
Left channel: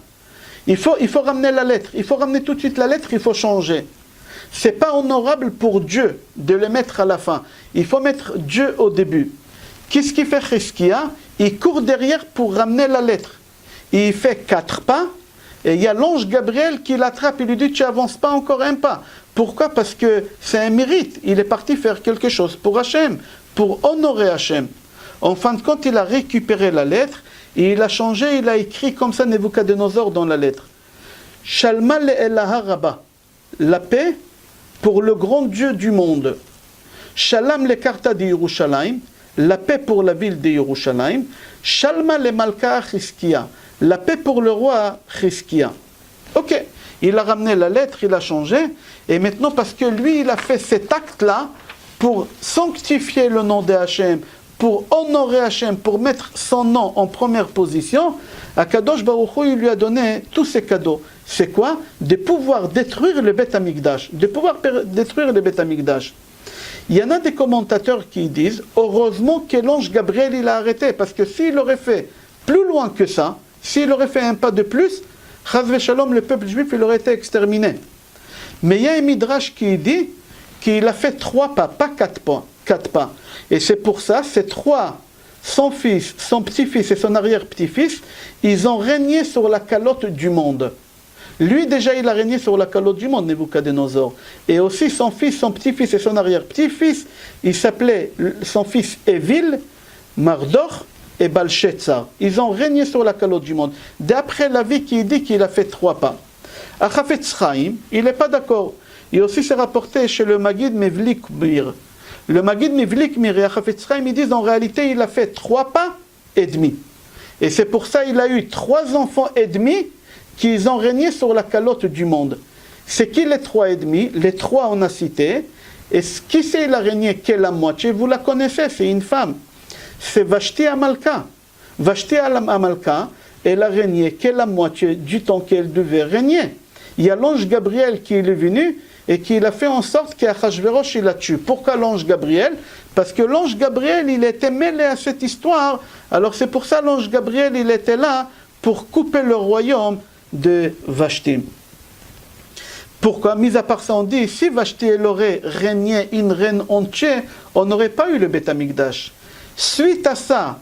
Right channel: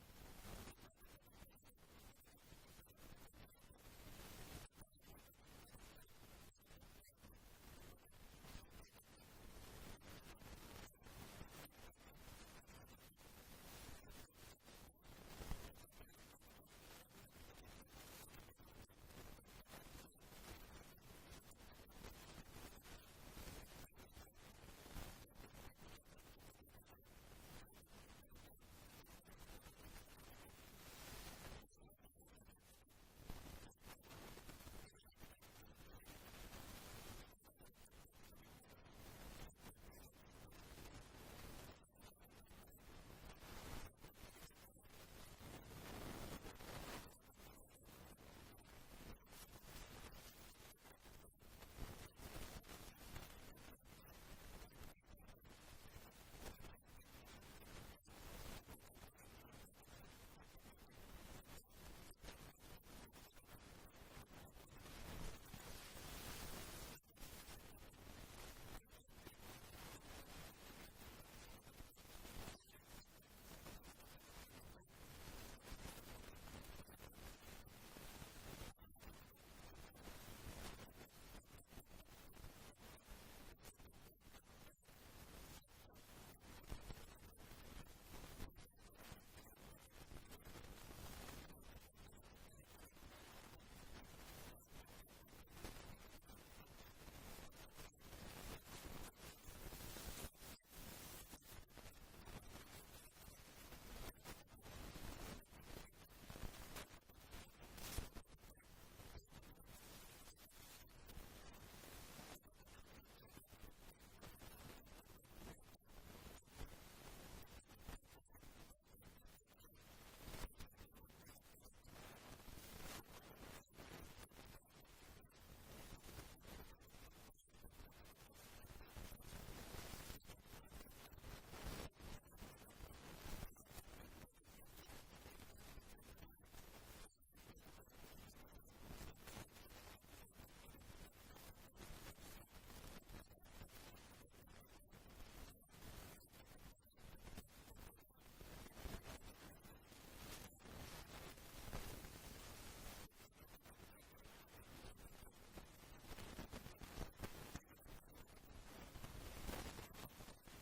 Il faut ramener la lettre. Il faut ramener tout de suite la lettre, il faut changer. C'est pas honorable pour Dieu de le mettre à la fin. Il faut mettre Dieu au début. Qu'est-ce qu'il fait Chizkia? Il court derrière pour ramener la lettre. Il fait 4 pas, et il y a l'ange Gabriel qui l'attrape, il lui dit, tu n'avances pas encore un pas. Pourquoi? Parce que c'est un mérite. Il est parti faire quelque chose pour Hachem, pour honorer Hachem. En fin de compte, il a récupéré la lettre, et il a changé, il a écrit comme ça Nebuchadnezzar dans la lettre. Shalma le Elah Rabba, la paix pour le grand Dieu du monde. Shalom le Karta de Yerushalayim, la paix pour la ville de Yerushalayim. Shalma le Malka Chizkia, la paix pour le roi Chizkia. Ok, il a ramené la lettre, il a changé, et maintenant parce que lui, il a fait cet acte-là pour sanctifier le nom de Hachem, pour honorer Hachem, pour mettre son nom en première position, Akadosh Baruch Hu, il lui a donné tous ces cadeaux. C'est quoi? De pouvoir détruire le Beth Amikdash, de pouvoir détruire le Beth Amikdash. Il y en a des commentateurs qui disent, heureusement que l'ange Gabriel il a arrêté, parce que s'il aurait fait plus loin que ça, s'il aurait fait un pas de plus, Chaz v'Shalom, le peuple juif, il aurait été exterminé. Mais il y a un midrash qui dit qu'il a fait 3 pas, pas 4 pas. 4 pas. Et c'est pour ça, ces 3, son fils, son petit-fils et son arrière-petit-fils, ils ont régné sur la calotte du monde. Lui, déjà, il a régné sur la calotte du monde, Nebuchadnezzar. Et aussi son fils, son petit-fils et son arrière-petit-fils, il s'appelait son fils Évil, Mardor et Balshazzar. Ils ont régné sur la calotte du monde. D'après la vie qui dit qu'il a fait 3 pas. À Chafetz Chaim, il n'est pas d'accord. Et aussi c'est rapporté chez le Maggid Mevlik Mir. Le Maggid Mevlik Mir et à Chafetz Chaim, ils disent en réalité, il a fait 3 pas et demi. Et c'est pour ça qu'il a eu 3 enfants et demi qui ont régné sur la calotte du monde. C'est qui les 3 et demi? Les 3 on a cité. Et qui c'est il a régné que la moitié? Vous la connaissez, c'est une femme. C'est Vashti Amalka. Vashti Amalka, elle a régné que la moitié du temps qu'elle devait régner. Il y a l'ange Gabriel qui est venu et qui a fait en sorte qu'Achashverosh il la tue. Pourquoi l'ange Gabriel? Parce que l'ange Gabriel, il était mêlé à cette histoire. Alors c'est pour ça l'ange Gabriel, il était là pour couper le royaume de Vashti. Pourquoi? Mis à part ça, on dit, si Vashti elle aurait régné une reine entière, on n'aurait pas eu le Beth Amikdash. Suite à ça,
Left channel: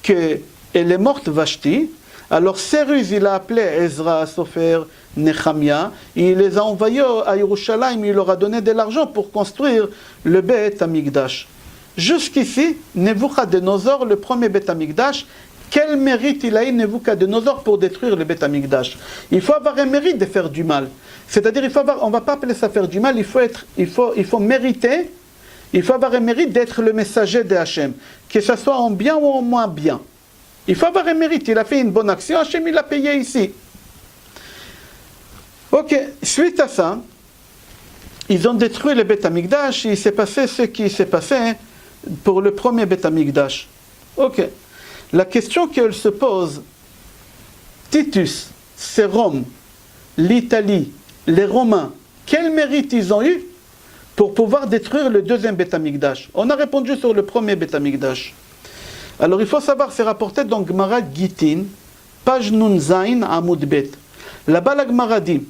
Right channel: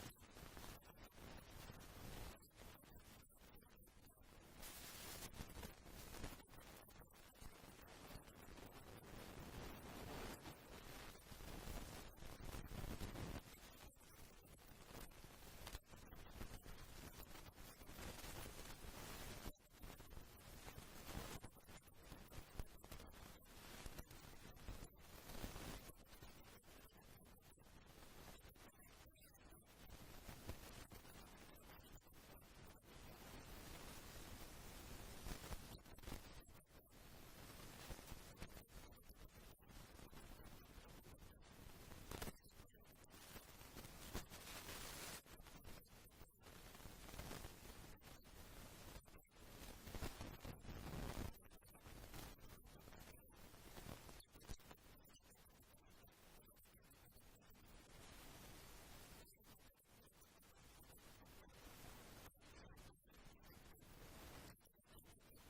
qu'elle est morte Vashti, alors Cyrus, il a appelé Ezra, Sofer, Nehemia, il les a envoyés à Yerushalayim, il leur a donné de l'argent pour construire le Beth Amikdash. Jusqu'ici, Nebuchadnezzar, le premier Beth Amikdash, quel mérite il a eu Nebuchadnezzar pour détruire le Beth Amikdash? Il faut avoir un mérite de faire du mal. C'est-à-dire, on ne va pas appeler ça faire du mal, il faut mériter, il faut avoir un mérite d'être le messager de Hachem, que ce soit en bien ou en moins bien. Il faut avoir un mérite, il a fait une bonne action, Hachem il l'a payé ici. Ok, suite à ça, ils ont détruit le Beth Amikdash, il s'est passé ce qui s'est passé pour le premier Beth Amikdash. Ok. La question qu'elle se pose, Titus, c'est Rome, l'Italie, les Romains, quel mérite ils ont eu pour pouvoir détruire le deuxième Beth Amikdash? On a répondu sur le premier Beth Amikdash. Alors il faut savoir, c'est rapporté dans Gemara Gittin, page Nun Zain Amud Bet. Là-bas la Gemara dit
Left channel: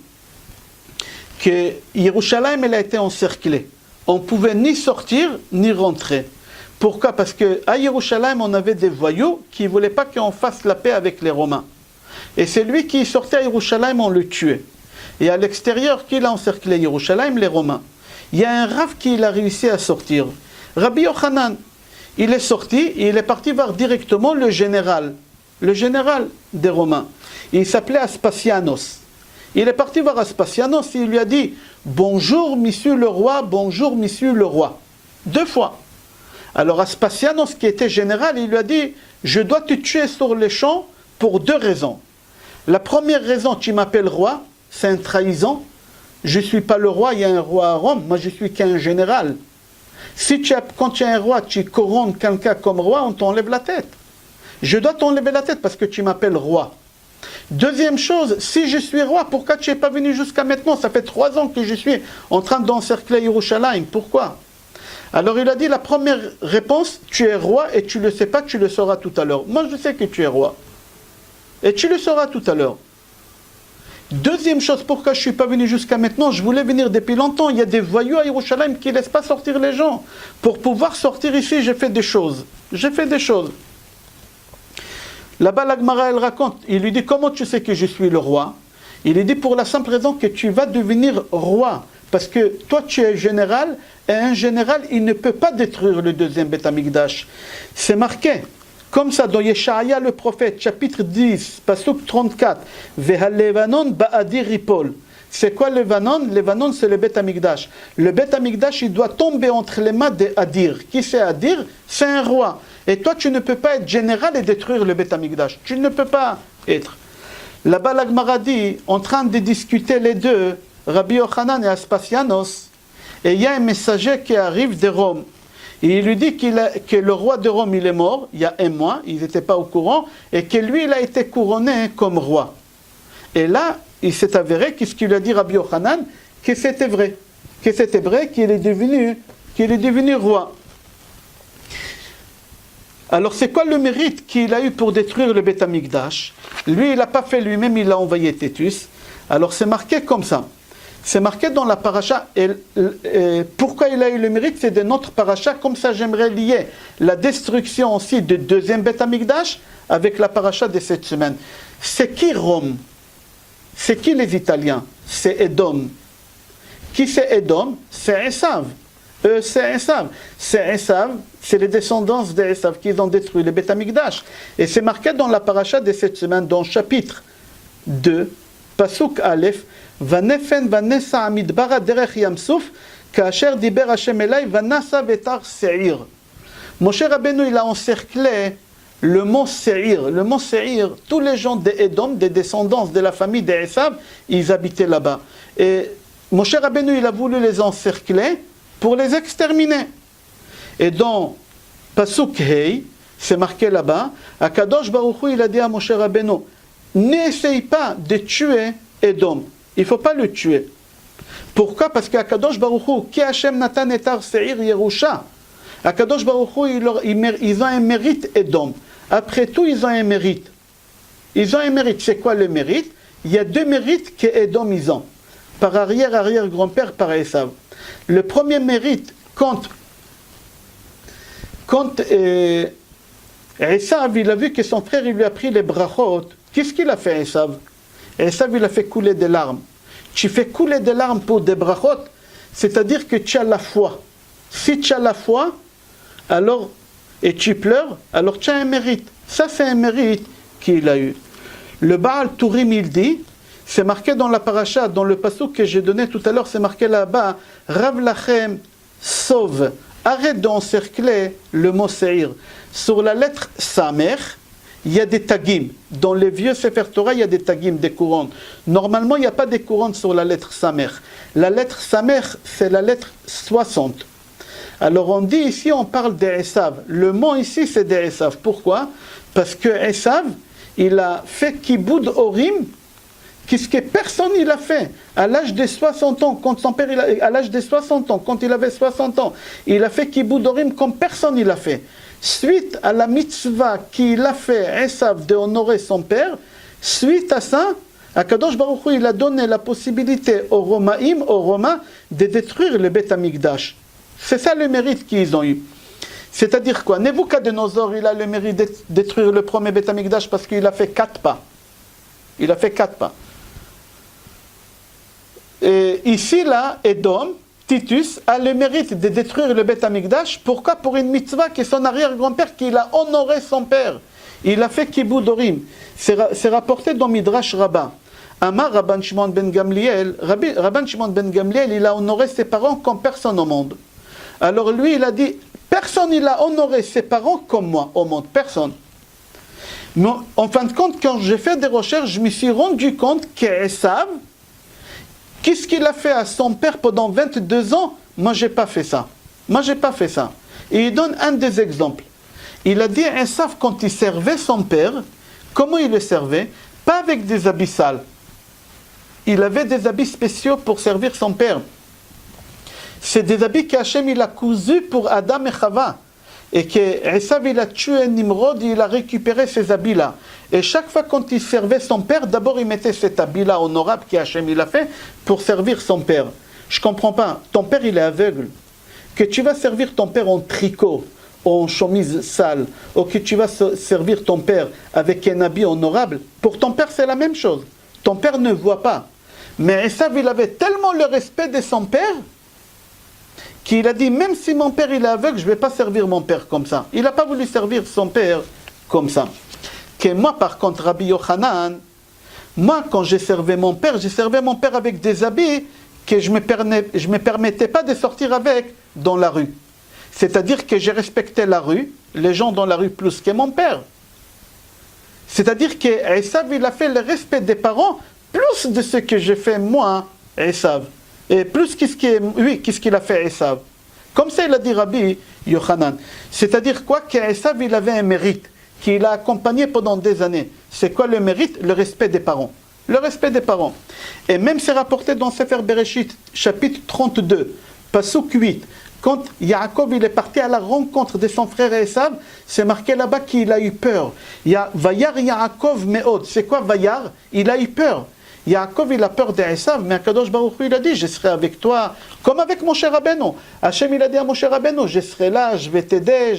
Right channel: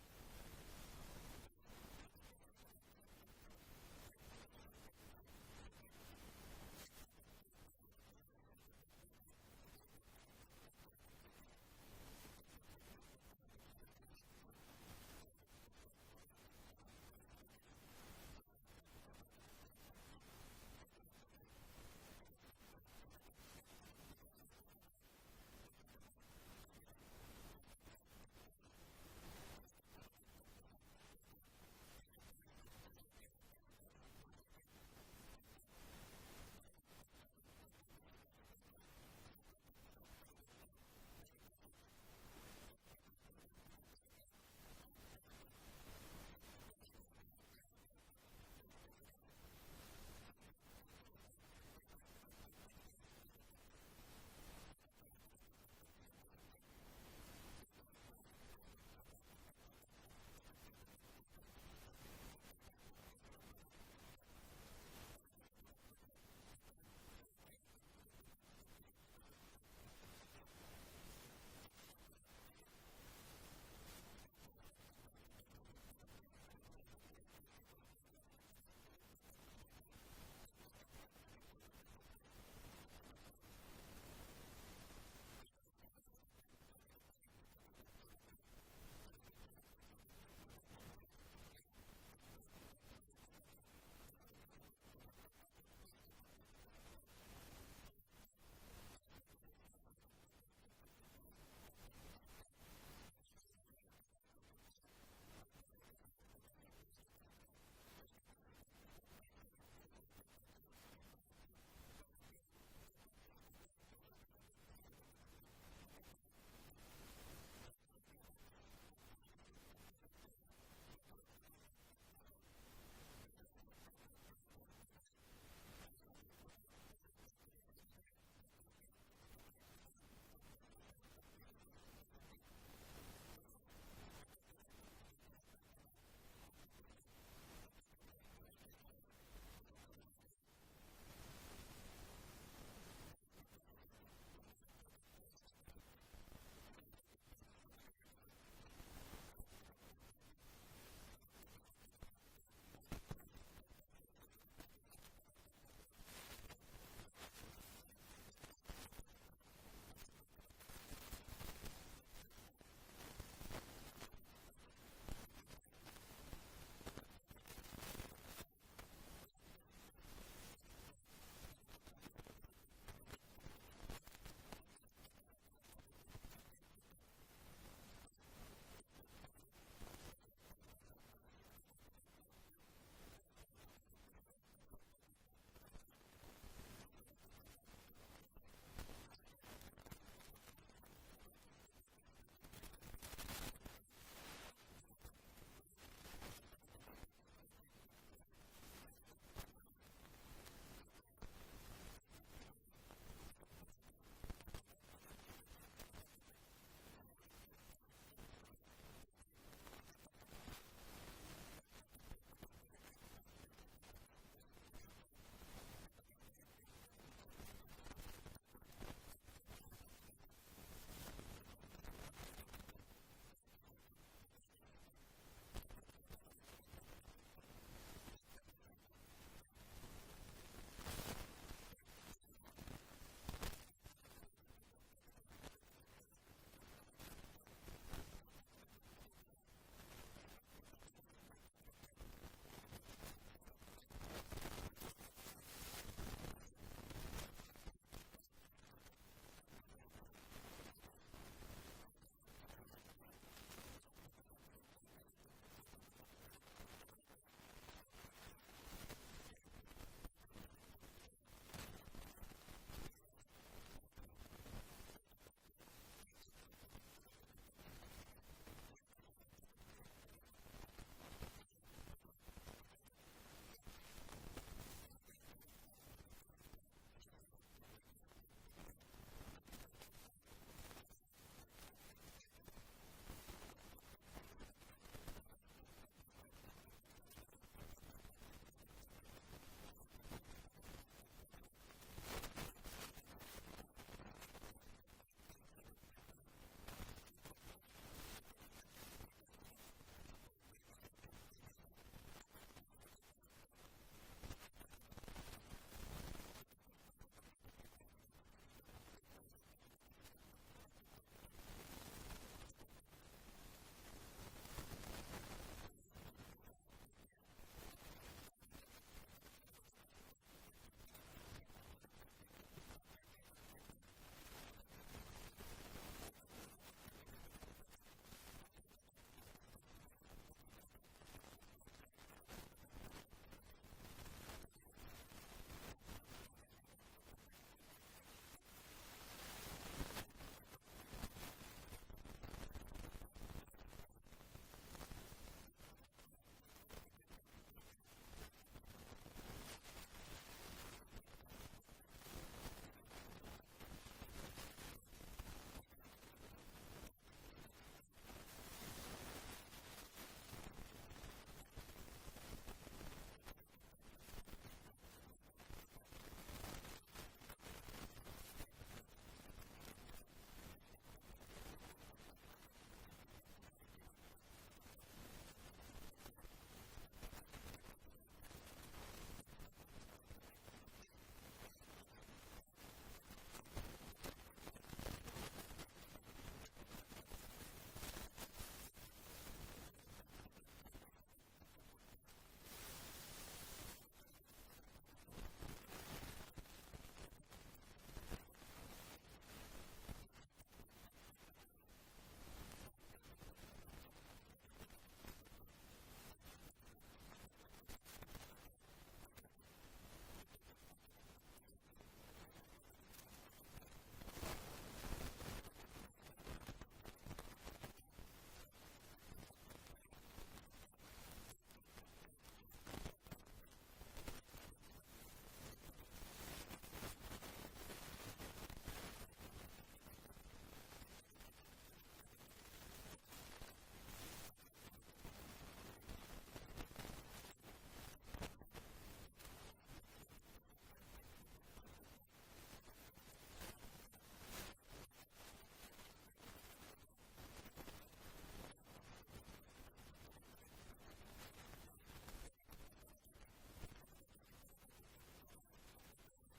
que Yerushalayim elle a été encerclée. On ne pouvait ni sortir ni rentrer. Pourquoi? Parce qu'à Yerushalayim, on avait des voyous qui ne voulaient pas qu'on fasse la paix avec les Romains. Et c'est lui qui sortait à Yerushalayim, on le tuait. Et à l'extérieur, qui l'a encerclé Yerushalayim? Les Romains. Il y a un Rav qui a réussi à sortir. Rabbi Yochanan, il est sorti et il est parti voir directement le général le général des Romains. Il s'appelait Aspasianos. Il est parti voir Aspasianos et il lui a dit « Bonjour, monsieur le roi, bonjour, monsieur le roi ». 2 fois. Alors Aspasianos, qui était général, il lui a dit « Je dois te tuer sur les champs pour 2 raisons. La première raison, tu m'appelles roi, c'est une trahison. Je ne suis pas le roi, il y a un roi à Rome, moi je suis qu'un général. Si quand tu es un roi, tu couronnes quelqu'un comme roi, on t'enlève la tête. Je dois t'enlever la tête parce que tu m'appelles roi. Deuxième chose, si je suis roi, pourquoi tu n'es pas venu jusqu'à maintenant? Ça fait 3 ans que je suis en train d'encercler Yerushalayim. Pourquoi? Alors il a dit la première réponse, tu es roi et tu ne le sais pas, tu le sauras tout à l'heure. Moi je sais que tu es roi. Et tu le sauras tout à l'heure. Deuxième chose, pourquoi je ne suis pas venu jusqu'à maintenant? Je voulais venir depuis longtemps. Il y a des voyous à Yerushalayim qui ne laissent pas sortir les gens. Pour pouvoir sortir ici, j'ai fait des choses. J'ai fait des choses. Là-bas, la Gemara, elle raconte, il lui dit, comment tu sais que je suis le roi? Il lui dit, pour la simple raison que tu vas devenir roi. Parce que toi, tu es général, et un général, il ne peut pas détruire le deuxième Beth Amikdash. C'est marqué, comme ça, dans Yeshaya le prophète, chapitre 10, pasuk 34, Vehalevanon ba'adir ripol. C'est quoi le Levanon? Levanon, c'est le Beth Amikdash. Le Beth Amikdash, il doit tomber entre les mains d'Adir. Qui c'est Adir? C'est un roi. Et toi, tu ne peux pas être général et détruire le Beth Amikdash. Tu ne peux pas être. Là-bas, la Gemara dit, en train de discuter les deux, Rabbi Yochanan et Aspasianos, et il y a un messager qui arrive de Rome. Et il lui dit que le roi de Rome, il est mort, il y a 1 mois, ils n'étaient pas au courant, et que lui, il a été couronné comme roi. Et là, il s'est avéré, qu'est-ce qu'il a dit Rabbi Yochanan, que c'était vrai. Que c'était vrai, qu'il est devenu roi. Alors c'est quoi le mérite qu'il a eu pour détruire le Beth Amikdash? Lui, il n'a pas fait lui-même, il a envoyé Tétus. Alors c'est marqué comme ça. C'est marqué dans la paracha. Pourquoi il a eu le mérite? C'est de notre paracha. Comme ça, j'aimerais lier la destruction aussi du deuxième Beth Amikdash avec la paracha de cette semaine. C'est qui Rome? C'est qui les Italiens? C'est Edom. Qui c'est Edom? C'est Esav. C'est Esav. C'est Esav, c'est les descendants d'Esav qui ont détruit le Beth Amikdash. Et c'est marqué dans la paracha de cette semaine, dans le chapitre 2, Pasuk Aleph, Vanefen vanessa amidbara derech yamsuf, kaasher diber Hashem elai vanasa vetar Seir. Moshe Rabbeinu, il a encerclé le mont Seir. Le mont Seir, tous les gens d'Edom, des descendants de la famille d'Esav, ils habitaient là-bas. Et Moshe Rabbeinu, il a voulu les encercler pour les exterminer. Et dans Pasuk Hei, c'est marqué là-bas, Akadosh Baruch Hu, il a dit à Moshe Rabbeinu, n'essaye pas de tuer Edom. Il ne faut pas le tuer. Pourquoi? Parce qu'Akadosh Baruch Hu, Ki Hashem Natan etar Seir Yerusha. Akadosh Baruch Hu, ils ont un mérite Edom. Après tout, ils ont un mérite. Ils ont un mérite. C'est quoi le mérite? Il y a 2 mérites que Edom ils ont. Par arrière-grand-père, par Esav. Le premier mérite, quand Esav, il a vu que son frère, il lui a pris les brachot, qu'est-ce qu'il a fait, Esav? Esav, il a fait couler des larmes. Tu fais couler des larmes pour des brachot, c'est-à-dire que tu as la foi. Si tu as la foi, alors, et tu pleures, alors tu as un mérite. Ça, c'est un mérite qu'il a eu. Le Baal Tourim, il dit, c'est marqué dans la paracha, dans le pasuk que j'ai donné tout à l'heure, c'est marqué là-bas, Rav Lachem sauve. Arrête d'encercler le mot Seir. Sur la lettre Samer, il y a des tagim. Dans les vieux Sefer Torah, il y a des tagim, des couronnes. Normalement, il n'y a pas des couronnes sur la lettre Samer. La lettre Samer, c'est la lettre 60. Alors on dit ici, on parle d'Esav. Le mot ici, c'est d'Esav. Pourquoi? Parce que Esav, il a fait Kiboud Orim, qu'est-ce que personne il a fait. À l'âge de 60 ans, quand son père, à l'âge de 60 ans, quand il avait 60 ans, il a fait Kiboud Orim comme personne il a fait. Suite à la mitzvah qu'il a fait, Esav, de honorer son père, suite à ça, Akadosh Baruch Hu, il a donné la possibilité aux Romaïm, aux Romains, de détruire le Beth Amikdash. C'est ça le mérite qu'ils ont eu. C'est-à-dire quoi? Nebuchadnezzar, il a le mérite de détruire le premier Beth Amikdash parce qu'il a fait 4 pas. Il a fait 4 pas. Et ici, là, Edom, Titus, a le mérite de détruire le Beth Amikdash. Pourquoi? Pour une mitzvah qui est son arrière-grand-père, qu'il a honoré son père. il a fait Kiboudorim. C'est rapporté dans Midrash Rabbah. Amar Rabban Shimon ben Gamliel, Rabban Shimon ben Gamliel, il a honoré ses parents comme personne au monde. Alors lui, il a dit, personne il a honoré ses parents comme moi au monde, personne. Mais en fin de compte, quand j'ai fait des recherches, je me suis rendu compte qu'Esav, qu'est-ce qu'il a fait à son père pendant 22 ans? Moi, j'ai pas fait ça. Moi, j'ai pas fait ça. Et il donne un des exemples. Il a dit à Esav, quand il servait son père, comment il le servait? Pas avec des habits sales. Il avait des habits spéciaux pour servir son père. C'est des habits qu'Hachem il a cousus pour Adam et Chava. Et qu'Esav il a tué Nimrod, il a récupéré ces habits-là. Et chaque fois quand il servait son père, d'abord il mettait cet habit-là honorable qu'Hachem il a fait pour servir son père. Je comprends pas. Ton père il est aveugle. Que tu vas servir ton père en tricot, en chemise sale, ou que tu vas servir ton père avec un habit honorable, pour ton père c'est la même chose. Ton père ne voit pas. Mais Esav, il avait tellement le respect de son père qu'il a dit, même si mon père il est aveugle, je ne vais pas servir mon père comme ça. Il n'a pas voulu servir son père comme ça. Que moi, par contre, Rabbi Yochanan, moi, quand j'ai servi mon père avec des habits que je ne me permettais pas de sortir avec dans la rue. C'est-à-dire que j'ai respecté la rue, les gens dans la rue plus que mon père. C'est-à-dire que Esav, il a fait le respect des parents plus de ce que j'ai fait moi, Esav. Et plus qu'est-ce qu'il a fait Esav. Comme ça, il a dit Rabbi Yochanan. C'est-à-dire quoi? Qu'Esav, il avait un mérite qu'il a accompagné pendant des années. C'est quoi le mérite? Le respect des parents. Le respect des parents. Et même c'est rapporté dans Sefer Bereshit, chapitre 32, Pasuk 8. Quand Yaakov il est parti à la rencontre de son frère Esav, c'est marqué là-bas qu'il a eu peur. Vayar Yaakov meod. C'est quoi Vayar? Il a eu peur. Yaakov il a peur d'Esav, mais Akadosh Baruch Hu il a dit, je serai avec toi, comme avec Moshe Rabbeinu. Hachem il a dit à Moshe Rabbeinu, je serai là, je vais t'aider,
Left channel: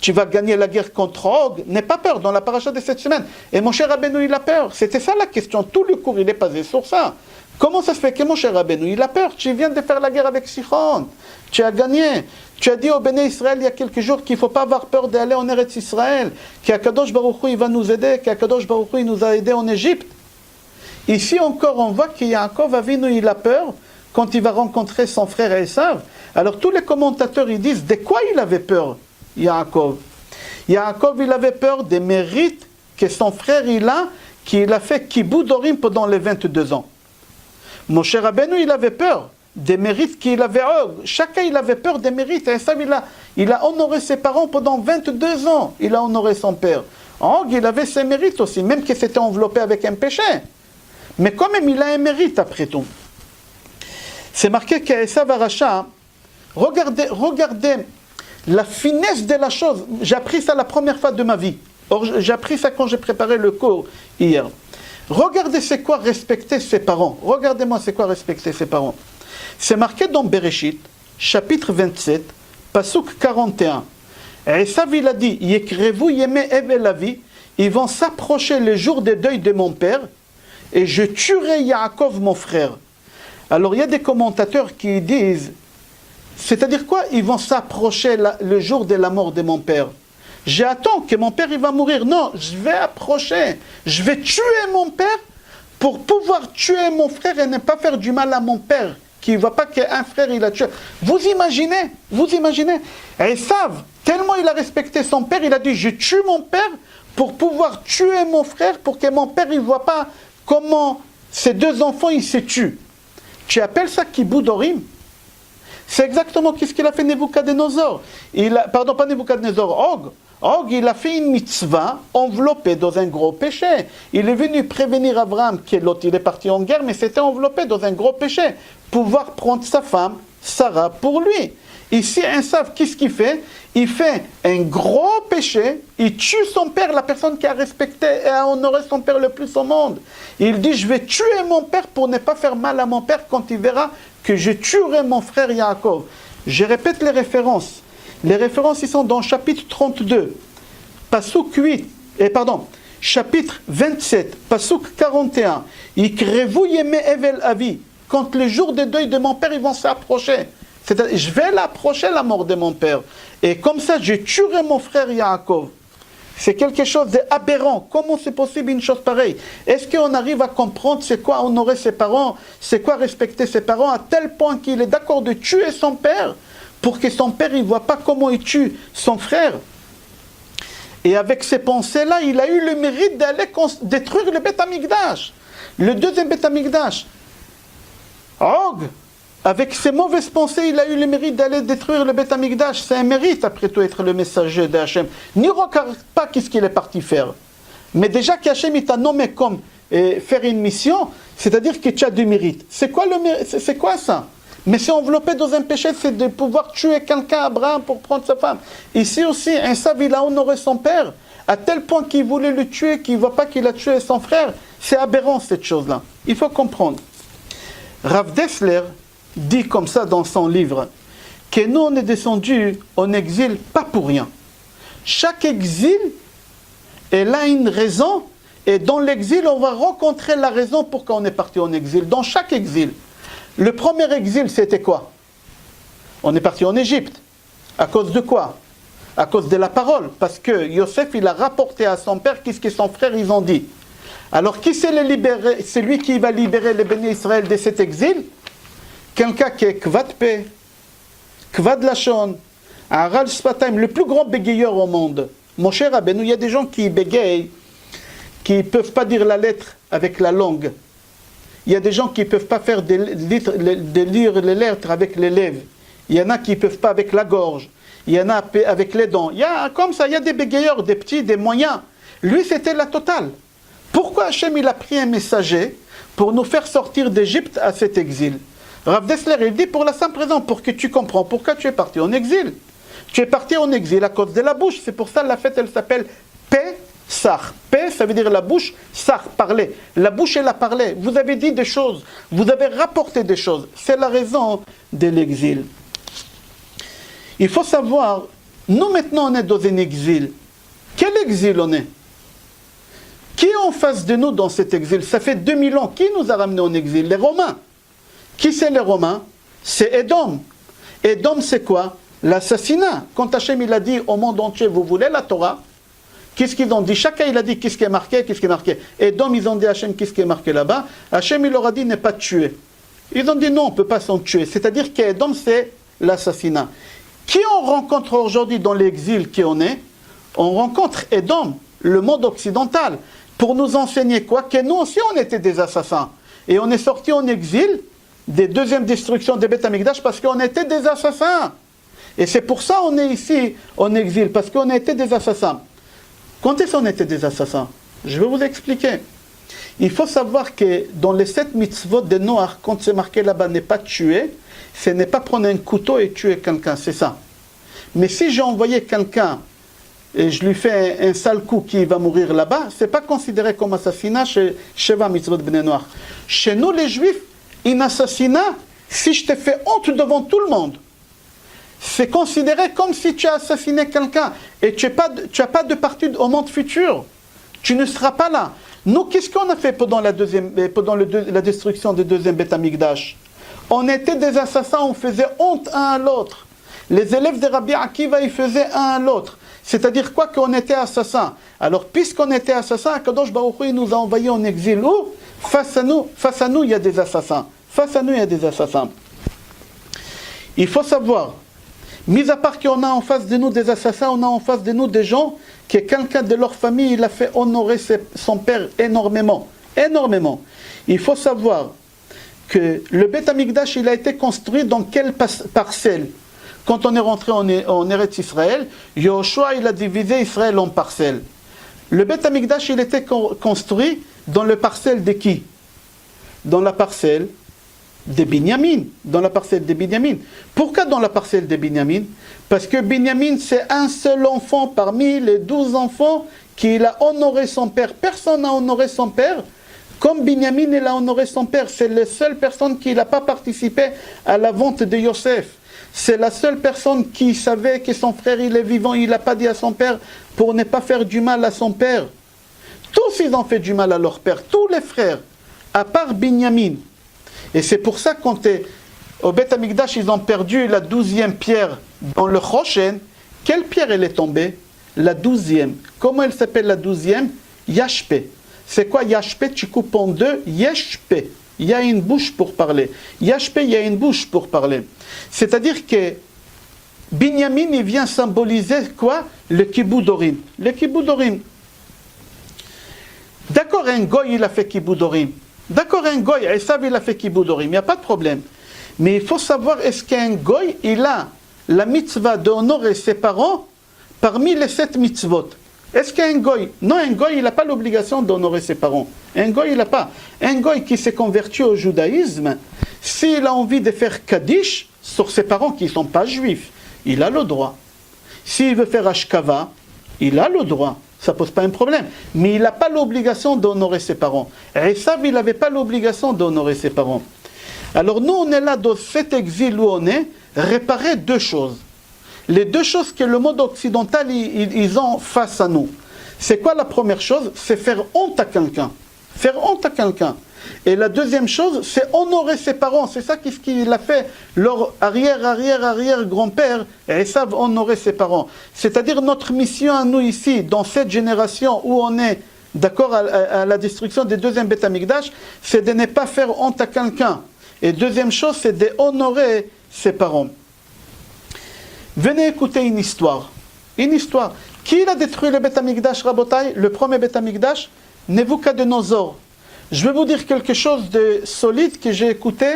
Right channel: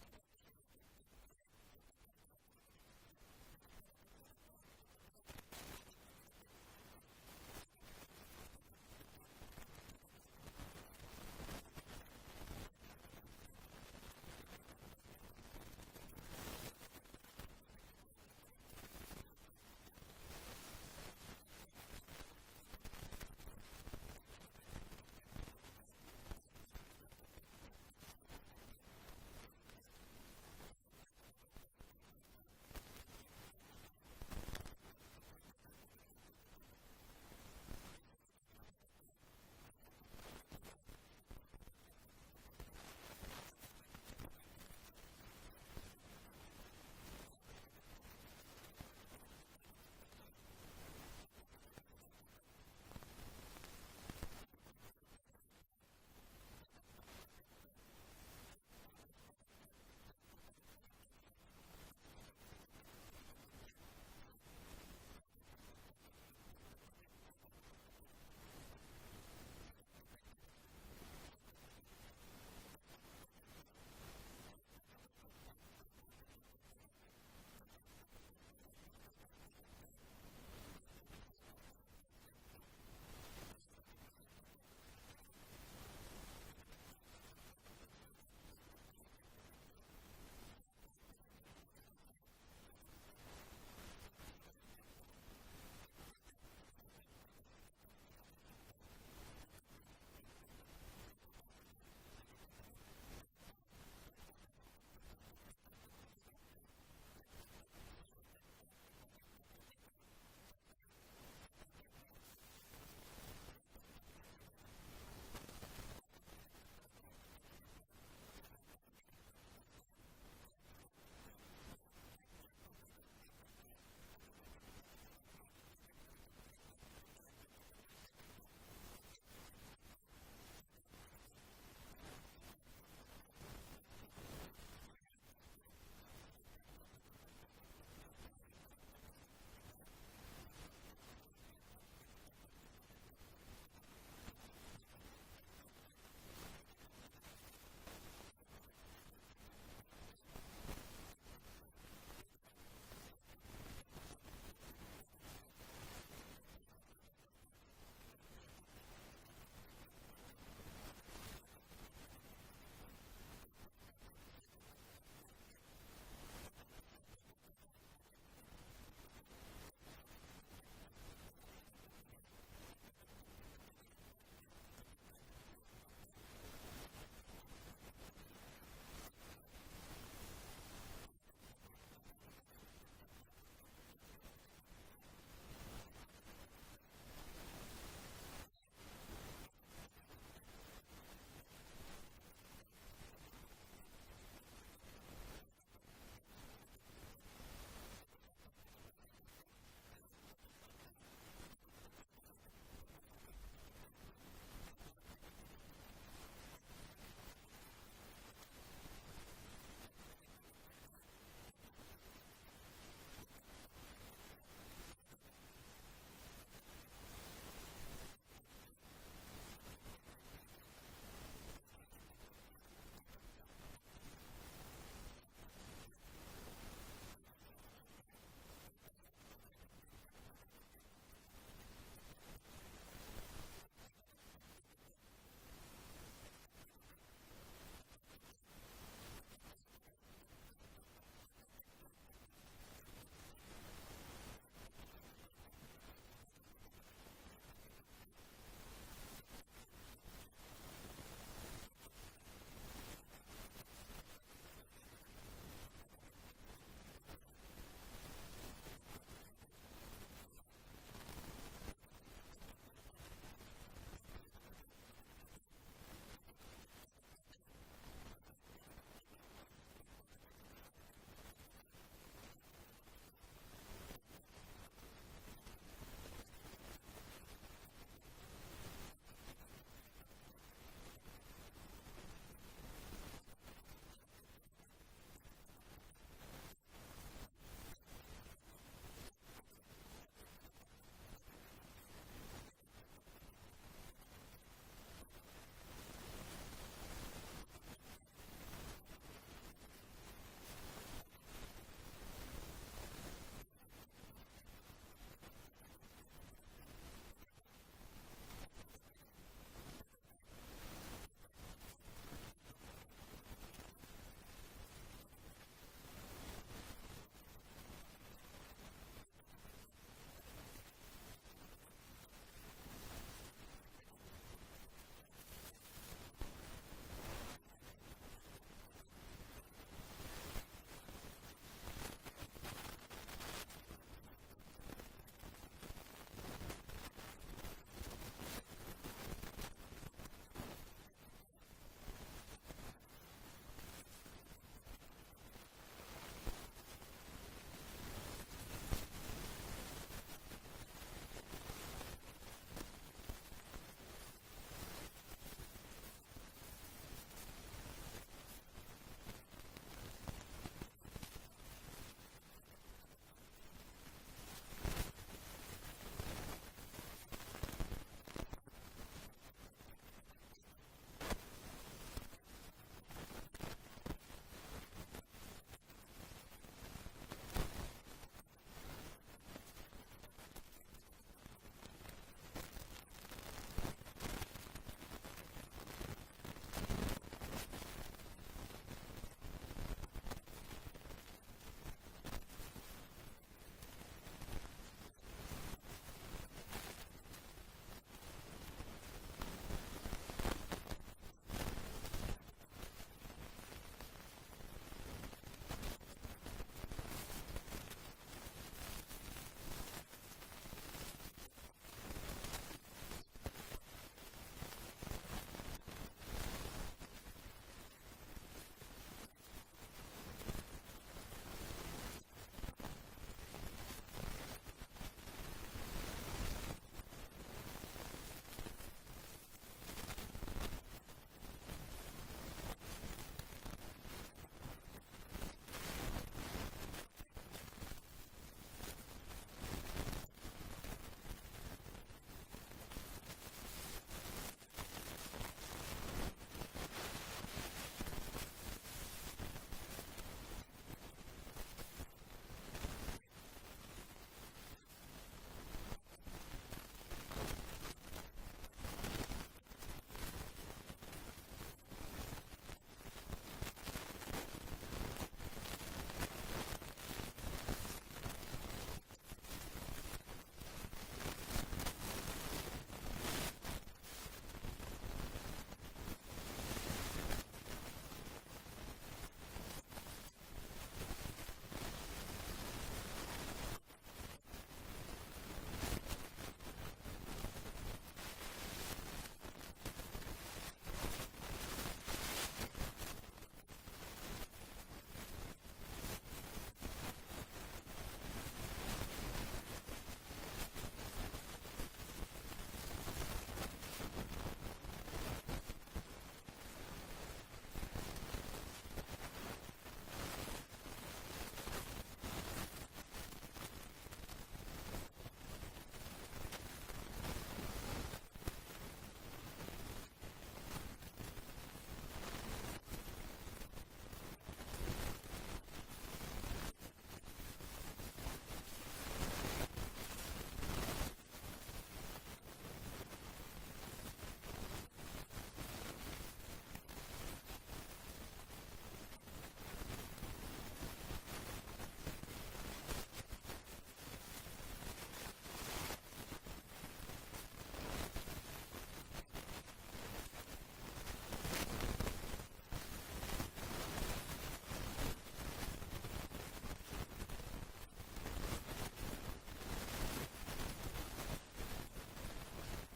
tu vas gagner la guerre contre Og. N'aie pas peur dans la paracha de cette semaine. Et Moshe Rabbeinu il a peur. C'était ça la question. Tout le cours il est basé sur ça. Comment ça se fait que Moshe Rabbeinu il a peur? Tu viens de faire la guerre avec Sichon. Tu as gagné. Tu as dit au Béné Israël il y a quelques jours qu'il ne faut pas avoir peur d'aller en Eretz Israël. Qu'Akadosh Baruch Hu il va nous aider. Qu'Akadosh Baruch Hu il nous a aidés en Égypte. Ici encore on voit que Yaakov Avinu il a peur quand il va rencontrer son frère Esav. Alors tous les commentateurs ils disent de quoi il avait peur Yaakov? Yaakov il avait peur des mérites que son frère il a, qu'il a fait Kiboudorim pendant les 22 ans. Moshe Rabbeinu il avait peur des mérites qu'il avait. Chacun il avait peur des mérites. Esav il a honoré ses parents pendant 22 ans. Il a honoré son père. Og il avait ses mérites aussi, même qu'il s'était enveloppé avec un péché. Mais quand même, il a un mérite après tout. C'est marqué qu'Esav Aracha, regardez la finesse de la chose. J'ai appris ça la première fois de ma vie. Or, j'ai appris ça quand j'ai préparé le cours hier. Regardez c'est quoi respecter ses parents. Regardez-moi c'est quoi respecter ses parents. C'est marqué dans Bereshit, chapitre 27, Pasuk 41. Esav il a dit, Yekrevu yeme evel avi, ils vont s'approcher les jours des deuils de mon père, et je tuerai Yaakov mon frère. Alors il y a des commentateurs qui disent, c'est-à-dire quoi? Ils vont s'approcher le jour de la mort de mon père. J'attends que mon père il va mourir. Non, je vais approcher. Je vais tuer mon père pour pouvoir tuer mon frère et ne pas faire du mal à mon père. Qui ne voit pas qu'un frère il a tué. Vous imaginez? Esav, tellement il a respecté son père, il a dit, je tue mon père pour pouvoir tuer mon frère, pour que mon père il ne voit pas comment ces deux enfants ils se tuent. Tu appelles ça Kiboudorim? C'est exactement ce qu'il a fait Nebuchadnezzar. Pardon, pas Nebuchadnezzar, Og, il a fait une mitzvah enveloppée dans un gros péché. Il est venu prévenir Abraham que l'autre il est parti en guerre, mais c'était enveloppé dans un gros péché. Pouvoir prendre sa femme, Sarah, pour lui. Ici, Esav, qu'est-ce qu'il fait? Il fait un gros péché, il tue son père, la personne qui a respecté et a honoré son père le plus au monde. Il dit, je vais tuer mon père pour ne pas faire mal à mon père quand il verra que je tuerai mon frère Yaakov. Je répète les références. Les références, ils sont dans chapitre 32, Pasuk 8, chapitre 27, Pasuk 41. Yikrevu yeme evel avi. Quand les jours de deuil de mon père, ils vont s'approcher. C'est-à-dire, je vais l'approcher, la mort de mon père. Et comme ça, je tuerai mon frère Yaakov. C'est quelque chose d'aberrant. Comment c'est possible une chose pareille? Est-ce qu'on arrive à comprendre c'est quoi honorer ses parents, c'est quoi respecter ses parents, à tel point qu'il est d'accord de tuer son père pour que son père ne voit pas comment il tue son frère? Et avec ces pensées-là, il a eu le mérite d'aller détruire le Beth Amikdash, le deuxième Beth Amikdash. Og, avec ses mauvaises pensées, il a eu le mérite d'aller détruire le Beth Amikdash. C'est un mérite, après tout, être le messager d'Hachem. N'y regarde pas qu'est-ce qu'il est parti faire. Mais déjà qu'Hachem t'a nommé comme faire une mission, c'est-à-dire que tu as du mérite. C'est quoi le mérite? C'est quoi ça? Mais c'est enveloppé dans un péché, c'est de pouvoir tuer quelqu'un, Abraham, pour prendre sa femme. Ici aussi, un sav, il a honoré son père, à tel point qu'il voulait le tuer, qu'il ne voit pas qu'il a tué son frère. C'est aberrant, cette chose-là. Il faut comprendre. Rav Dessler dit comme ça dans son livre, que nous, on est descendus en exil pas pour rien. Chaque exil, elle a une raison, et dans l'exil, on va rencontrer la raison pour qu'on est parti en exil. Dans chaque exil. Le premier exil, c'était quoi? On est parti en Égypte. À cause de quoi? À cause de la parole. Parce que Yosef, il a rapporté à son père qu'est-ce que son frère, ils ont dit. Alors, qui c'est le libérer? C'est lui qui va libérer les bénis Israël de cet exil? Quelqu'un qui est Kvad Peh, Kvad Lashon, Aral Sfatayim, le plus grand bégayeur au monde. Mon cher Rabbeinu, il y a des gens qui bégayent, qui ne peuvent pas dire la lettre avec la langue. Il y a des gens qui ne peuvent pas faire de lire les lettres avec les lèvres. Il y en a qui ne peuvent pas avec la gorge. Il y en a avec les dents. Il y a comme ça, il y a des bégayeurs, des petits, des moyens. Lui, c'était la totale. Pourquoi Hachem, il a pris un messager pour nous faire sortir d'Égypte à cet exil? Rav Dessler, il dit pour la simple raison, pour que tu comprends pourquoi tu es parti en exil. Tu es parti en exil à cause de la bouche. C'est pour ça la fête, elle s'appelle Pessah. Peh, ça veut dire la bouche, Sar, parler. La bouche, elle a parlé. Vous avez dit des choses. Vous avez rapporté des choses. C'est la raison de l'exil. Il faut savoir, nous maintenant on est dans un exil. Quel exil on est? Qui est en face de nous dans cet exil? Ça fait 2000 ans. Qui nous a ramenés en exil? Les Romains. Qui c'est les Romains? C'est Édom. Édom, c'est quoi? L'assassinat. Quand Hachem il a dit au monde entier, vous voulez la Torah? Qu'est-ce qu'ils ont dit? Chacun il a dit qu'est-ce qui est marqué, qu'est-ce qui est marqué. Édom, ils ont dit à Hachem qu'est-ce qui est marqué là-bas. Hachem il leur a dit ne pas tuer. Ils ont dit non, on ne peut pas s'en tuer. C'est-à-dire qu'Édom, c'est l'assassinat. Qui on rencontre aujourd'hui dans l'exil qui on est? On rencontre Édom, le monde occidental, pour nous enseigner quoi? Que nous aussi on était des assassins. Et on est sortis en exil des deuxièmes destructions des Beth Amikdash parce qu'on était des assassins. Et c'est pour ça qu'on est ici en exil, parce qu'on était des assassins. Quand est-ce qu'on était des assassins? Je vais vous expliquer. Il faut savoir que dans les 7 mitzvot de Noach, quand c'est marqué là-bas, n'est pas tuer, ce n'est pas prendre un couteau et tuer quelqu'un, c'est ça. Mais si j'ai envoyé quelqu'un et je lui fais un sale coup qui va mourir là-bas, ce n'est pas considéré comme assassinat chez Sheva mitzvot Bnei Noach. Chez nous les juifs, un assassinat, si je te fais honte devant tout le monde, c'est considéré comme si tu as assassiné quelqu'un et tu n'as pas de partie au monde futur. Tu ne seras pas là. Nous, qu'est-ce qu'on a fait pendant la destruction du deuxième Beth Amikdash? On était des assassins, on faisait honte un à l'autre. Les élèves de Rabbi Akiva, ils faisaient un à l'autre. C'est-à-dire quoi? Qu'on était assassins. Alors, puisqu'on était assassins, Kadosh Baruch Hu, il nous a envoyés en exil. Où? Face à nous, il y a des assassins. Face à nous, il y a des assassins. Il faut savoir, mis à part qu'on a en face de nous des assassins, on a en face de nous des gens que quelqu'un de leur famille, il a fait honorer son père énormément. Énormément. Il faut savoir que le Beth Amikdash, il a été construit dans quelle parcelle? Quand on est rentré en Eretz Israël, Yoshua, il a divisé Israël en parcelles. Le Beth Amikdash, il était construit dans le parcelle de qui? Dans la parcelle de Binyamin. Dans la parcelle de Binyamin. Pourquoi dans la parcelle de Binyamin? Parce que Binyamin, c'est un seul enfant parmi les 12 enfants qu'il a honoré son père. Personne n'a honoré son père comme Binyamin, il a honoré son père. C'est la seule personne qui n'a pas participé à la vente de Yosef. C'est la seule personne qui savait que son frère il est vivant, il n'a pas dit à son père pour ne pas faire du mal à son père. Tous ils ont fait du mal à leur père, tous les frères, à part Binyamin. Et c'est pour ça qu'au Beth Amikdash, ils ont perdu la 12e pierre dans le Choshen. Quelle pierre elle est tombée? la 12e. Comment elle s'appelle la 12e? Yashpe. C'est quoi Yashpe? Tu coupes en deux, Yeshpe. Il y a une bouche pour parler. Yashpe, il y a une bouche pour parler. C'est-à-dire que Binyamin, il vient symboliser quoi? Le Kiboudorim. Le Kiboudorim. D'accord, un goy, il a fait Kiboudorim. D'accord, un goy, Esav, il a fait Kiboudorim. Il n'y a pas de problème. Mais il faut savoir, est-ce qu'un goy, il a la mitzvah d'honorer ses parents parmi les 7 mitzvot? Est-ce qu'un goy? Non, un goy, il n'a pas l'obligation d'honorer ses parents. Un goy, il n'a pas. Un goy qui s'est converti au judaïsme, s'il a envie de faire Kaddish sur ses parents qui ne sont pas juifs, il a le droit. S'il veut faire Ashkava, il a le droit. Ça ne pose pas un problème. Mais il n'a pas l'obligation d'honorer ses parents. Esav, il n'avait pas l'obligation d'honorer ses parents. Alors nous, on est là dans cet exil où on est, réparer 2 choses. Les 2 choses que le monde occidental, ils ont face à nous. C'est quoi la première chose? C'est faire honte à quelqu'un. Faire honte à quelqu'un. Et la deuxième chose, c'est honorer ses parents. C'est ça qu'il a fait. Leur arrière-grand-père, Esav, honorer ses parents. C'est-à-dire notre mission à nous ici, dans cette génération où on est d'accord à la destruction des 2e Beth Amikdash, c'est de ne pas faire honte à quelqu'un. Et deuxième chose, c'est d'honorer ses parents. Venez écouter une histoire. Une histoire. Qui a détruit le Beth Amikdash, Rabotai? Le premier Beth Amikdash? Nebuchadnezzar. Je vais vous dire quelque chose de solide que j'ai écouté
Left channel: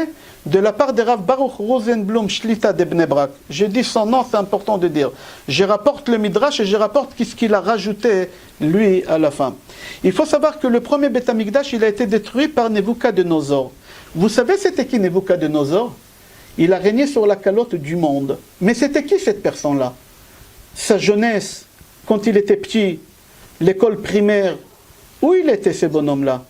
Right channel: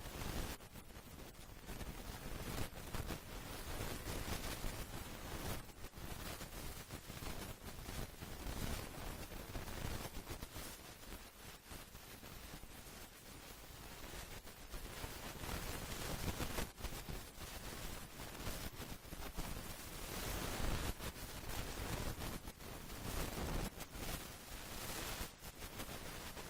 de la part de Rav Baruch Rosenblum Shlita de Bnei Brak. J'ai dit son nom, c'est important de dire. Je rapporte le Midrash et je rapporte ce qu'il a rajouté, lui, à la fin. Il faut savoir que le premier Beth Amikdash, il a été détruit par Nebuchadnezzar. Vous savez c'était qui Nebuchadnezzar? Il a régné sur la calotte du monde. Mais c'était qui cette personne-là? Sa jeunesse, quand il était petit, l'école primaire, où il était ce bonhomme-là?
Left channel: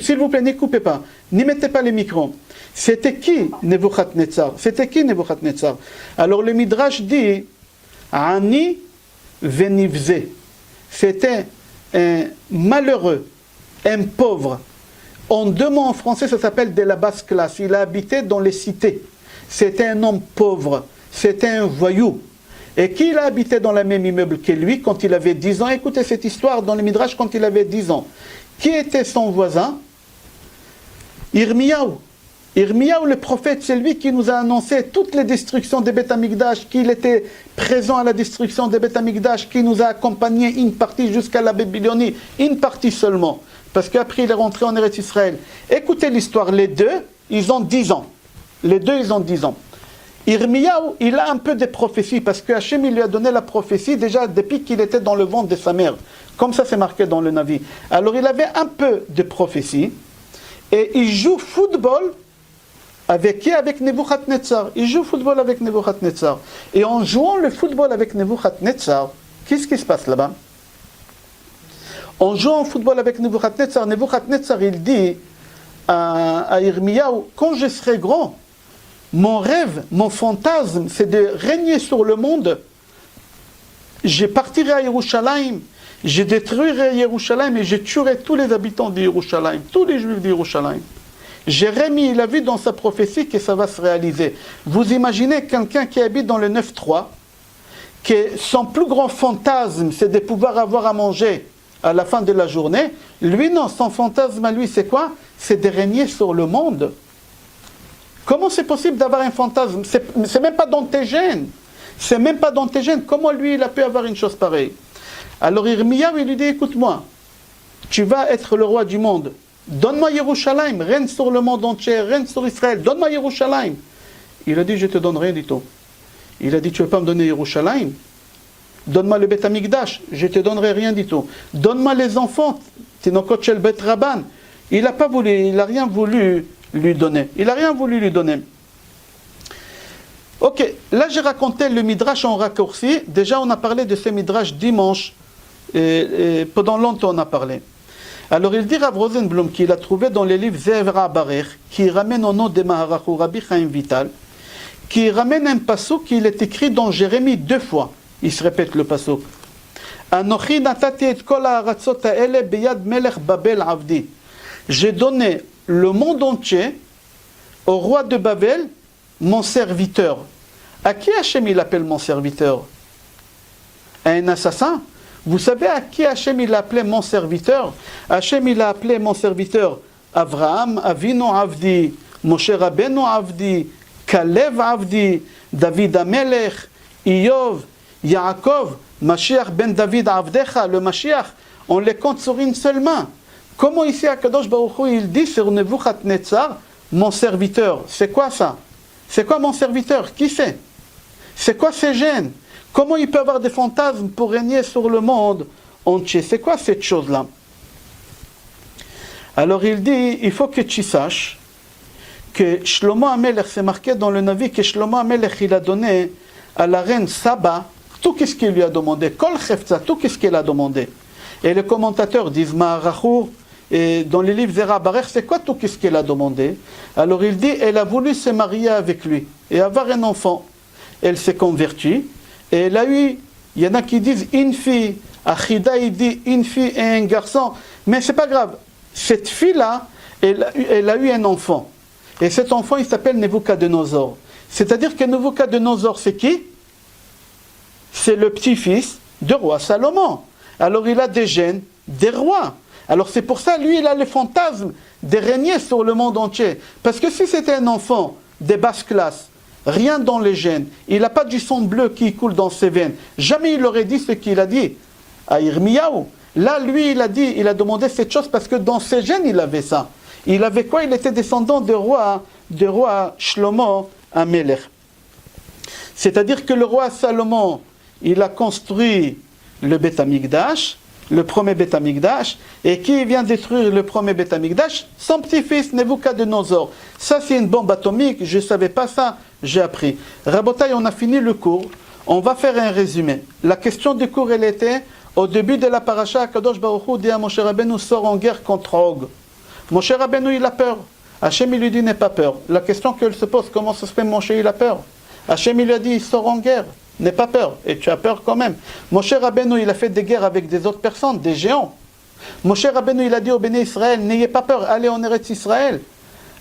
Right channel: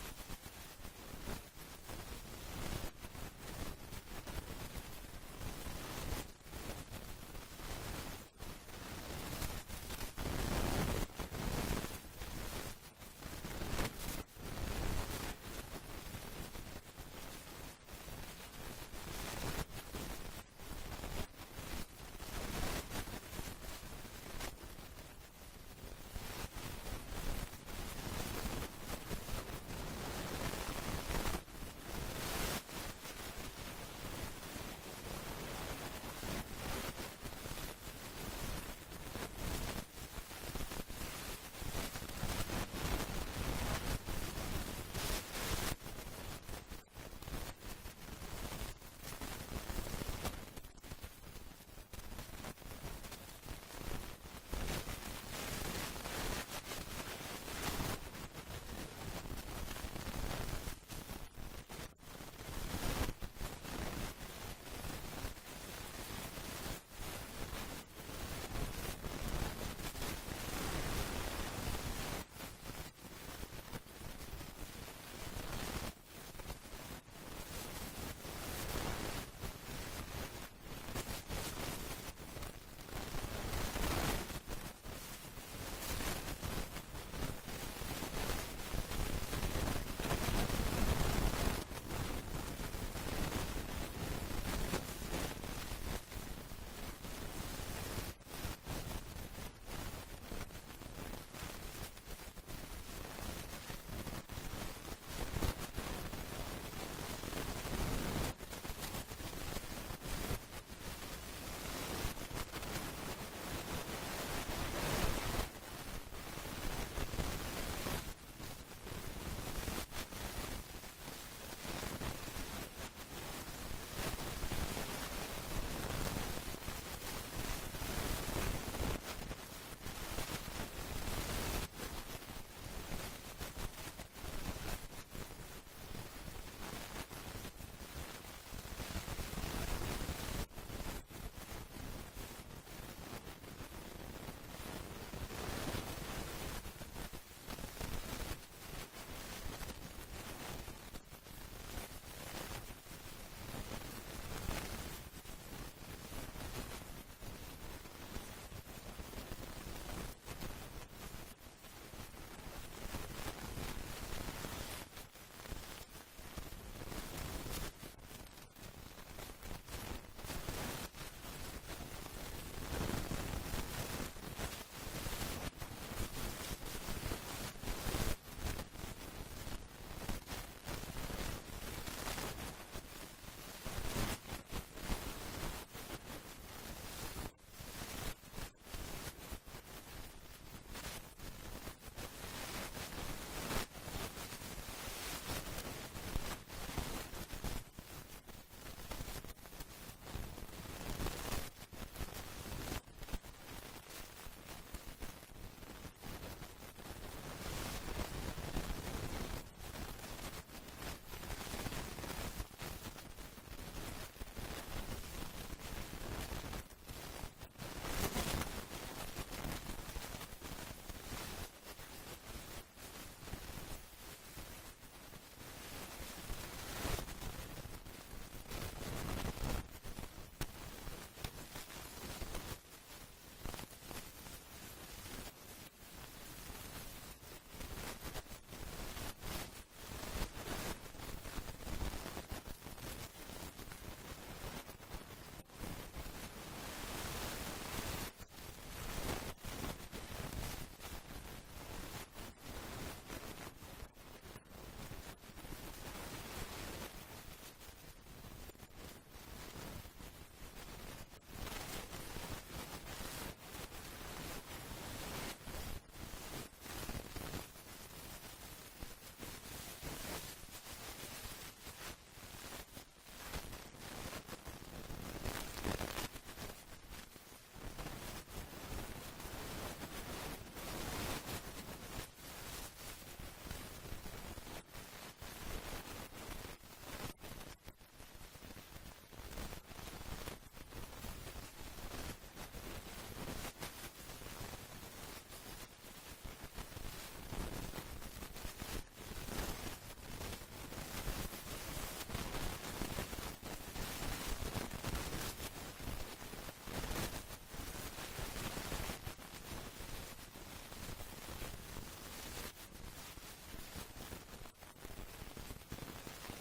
S'il vous plaît, ne coupez pas, n'y mettez pas les micros. C'était qui Nebuchadnezzar? C'était qui Nebuchadnezzar? Alors le Midrash dit Ani venivze. C'était un malheureux, un pauvre. En 2 mots en français, ça s'appelle de la basse classe. Il a habité dans les cités. C'était un homme pauvre. C'était un voyou. Et qui il a habité dans le même immeuble que lui quand il avait 10 ans? Écoutez cette histoire dans le Midrash quand il avait 10 ans. Qui était son voisin? Irmiyahu. Irmiyahu, le prophète, c'est lui qui nous a annoncé toutes les destructions des Beth Amikdash, qu'il était présent à la destruction des Beth Amikdash, qui nous a accompagné une partie jusqu'à la Babylonie, une partie seulement. Parce qu'après il est rentré en Eretz Israël. Écoutez l'histoire, les 2, ils ont 10 ans. Les 2, ils ont 10 ans. Irmiyahu, il a un peu de prophéties, parce que Hachem, il lui a donné la prophétie déjà depuis qu'il était dans le ventre de sa mère. Comme ça, c'est marqué dans le Navi. Alors, il avait un peu de prophétie, et il joue football avec qui? Avec Nebuchadnezzar. Il joue football avec Nebuchadnezzar. Et en jouant le football avec Nebuchadnezzar, qu'est-ce qui se passe là-bas? En jouant au football avec Nebuchadnezzar, Nebuchadnezzar, il dit à Irmiyahu, quand je serai grand, mon rêve, mon fantasme, c'est de régner sur le monde. Je partirai à Yerushalayim, je détruirai Yerushalayim et je tuerai tous les habitants de Yerushalayim, tous les juifs de Yerushalayim. Jérémie, il a vu dans sa prophétie que ça va se réaliser. Vous imaginez quelqu'un qui habite dans le 9-3, que son plus grand fantasme, c'est de pouvoir avoir à manger à la fin de la journée. Lui, non, son fantasme à lui, c'est quoi? C'est de régner sur le monde. Comment c'est possible d'avoir un fantasme? C'est même pas dans tes gènes. C'est même pas dans tes gènes. Comment lui, il a pu avoir une chose pareille? Alors Irmiyahu, il lui dit, écoute-moi, tu vas être le roi du monde. Donne-moi Yerushalayim, règne sur le monde entier, règne sur Israël, donne-moi Yerushalayim. Il a dit, je te donne rien du tout. Il a dit, tu ne veux pas me donner Yerushalayim? Donne-moi le Beth Amikdash, je ne te donnerai rien du tout. Donne-moi les enfants, Tinokot Shel Bet Rabban. Il n'a pas voulu, il n'a rien voulu lui donner. Il n'a rien voulu lui donner. Ok, là j'ai raconté le Midrash en raccourci. Déjà on a parlé de ce Midrash dimanche. Et pendant longtemps on a parlé. Alors il dit Rav Rosenblum qu'il a trouvé dans les livres Zevra Barer, qui ramène au nom de Maharachu Rabbi Chaim Vital, qui ramène un pasuk qui est écrit dans Jérémie 2 fois. Il se répète le pasuk. Anochi natati et kol ha'aratzot ha'ele beyad melech Babel avdi. J'ai donné le monde entier au roi de Babel, mon serviteur. À qui Hachem il appelle mon serviteur? À un assassin? Vous savez à qui Hachem il a appelé mon serviteur? Hachem il a appelé mon serviteur Avraham, Avinu Avdi, Moshe Rabbeinu Avdi, Kalev Avdi, David Amelech, Iyov, Yaakov, Mashiach ben David Avdecha, le Mashiach, on les compte sur une seule main. Comment ici Akadosh Baruch Hu il dit sur Nebuchadnezzar, mon serviteur? C'est quoi ça? C'est quoi mon serviteur? Qui c'est? C'est quoi ces gènes? Comment il peut avoir des fantasmes pour régner sur le monde entier? C'est quoi cette chose-là? Alors il dit, il faut que tu saches que Shlomo HaMelech, c'est marqué dans le Navi que Shlomo HaMelech, il a donné à la reine Saba tout ce qu'il lui a demandé, Kol Chefza, tout ce qu'il a demandé. Et les commentateurs disent, Ma'arachour, et dans les livres Zera Barer, c'est quoi tout ce qu'elle a demandé? Alors il dit, elle a voulu se marier avec lui et avoir un enfant. Elle s'est convertie et elle a eu, il y en a qui disent une fille, Achida il dit une fille et un garçon, mais c'est pas grave. Cette fille-là, elle a eu un enfant. Et cet enfant, il s'appelle Nebuchadnezzar. C'est-à-dire que Nebuchadnezzar, c'est qui? C'est le petit-fils du roi Salomon. Alors il a des gènes des rois. Alors c'est pour ça, lui, il a le fantasme de régner sur le monde entier. Parce que si c'était un enfant des basses classes, rien dans les gènes, il n'a pas du sang bleu qui coule dans ses veines, jamais il aurait dit ce qu'il a dit à Yirmiyahu. Là, lui, il a demandé cette chose parce que dans ses gènes, il avait ça. Il avait quoi? Il était descendant du roi Shlomo HaMelech. C'est-à-dire que le roi Salomon, il a construit le Beth Amikdash, le premier Beth Amikdash, et qui vient détruire le premier Beth Amikdash? Son petit-fils Nebuchadnezzar. Ça, c'est une bombe atomique, je ne savais pas ça, j'ai appris. Rabotai, on a fini le cours, on va faire un résumé. La question du cours, elle était, au début de la paracha, Kadosh Baruch Hu dit à Moshe Rabbeinu, sort en guerre contre Og. Moshe Rabbeinu, il a peur. Hachem, il lui dit, n'aie pas peur. La question qu'elle se pose, comment ça se fait, Moshe, il a peur? Hachem, il lui a dit, sort en guerre. N'aie pas peur, et tu as peur quand même. Moshe Rabbeinu, il a fait des guerres avec des autres personnes, des géants. Moshe Rabbeinu, il a dit au Béné Israël, n'ayez pas peur, allez en Eretz Israël.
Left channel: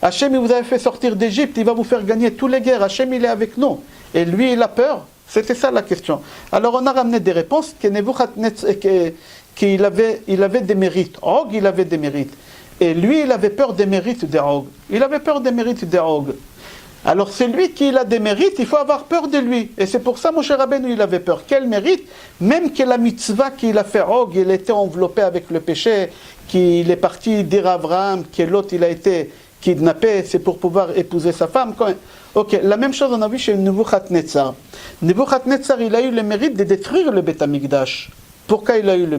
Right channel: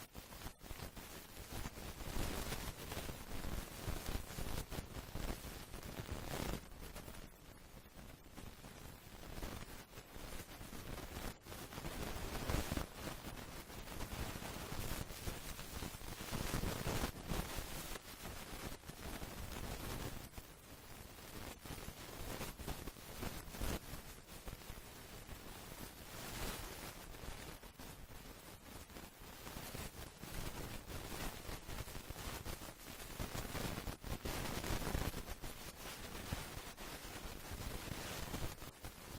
Hachem, il vous avait fait sortir d'Égypte, il va vous faire gagner toutes les guerres. Hachem, il est avec nous. Et lui, il a peur. C'était ça la question. Alors on a ramené des réponses qu'il avait des mérites. Og, il avait des mérites. Et lui, il avait peur des mérites de Og. Il avait peur des mérites de Og. Alors c'est lui qui a des mérites, il faut avoir peur de lui. Et c'est pour ça, Moshe Rabbeinu, il avait peur. Quel mérite? Même que la mitzvah qu'il a fait Og, il était enveloppé avec le péché, qu'il est parti dire à Abraham, que l'autre, il a été kidnappé, c'est pour pouvoir épouser sa femme. Ok, la même chose on a vu chez Nebuchadnezzar. Nebuchadnezzar, il a eu le mérite de détruire le Beth Amikdash. Pourquoi il a eu le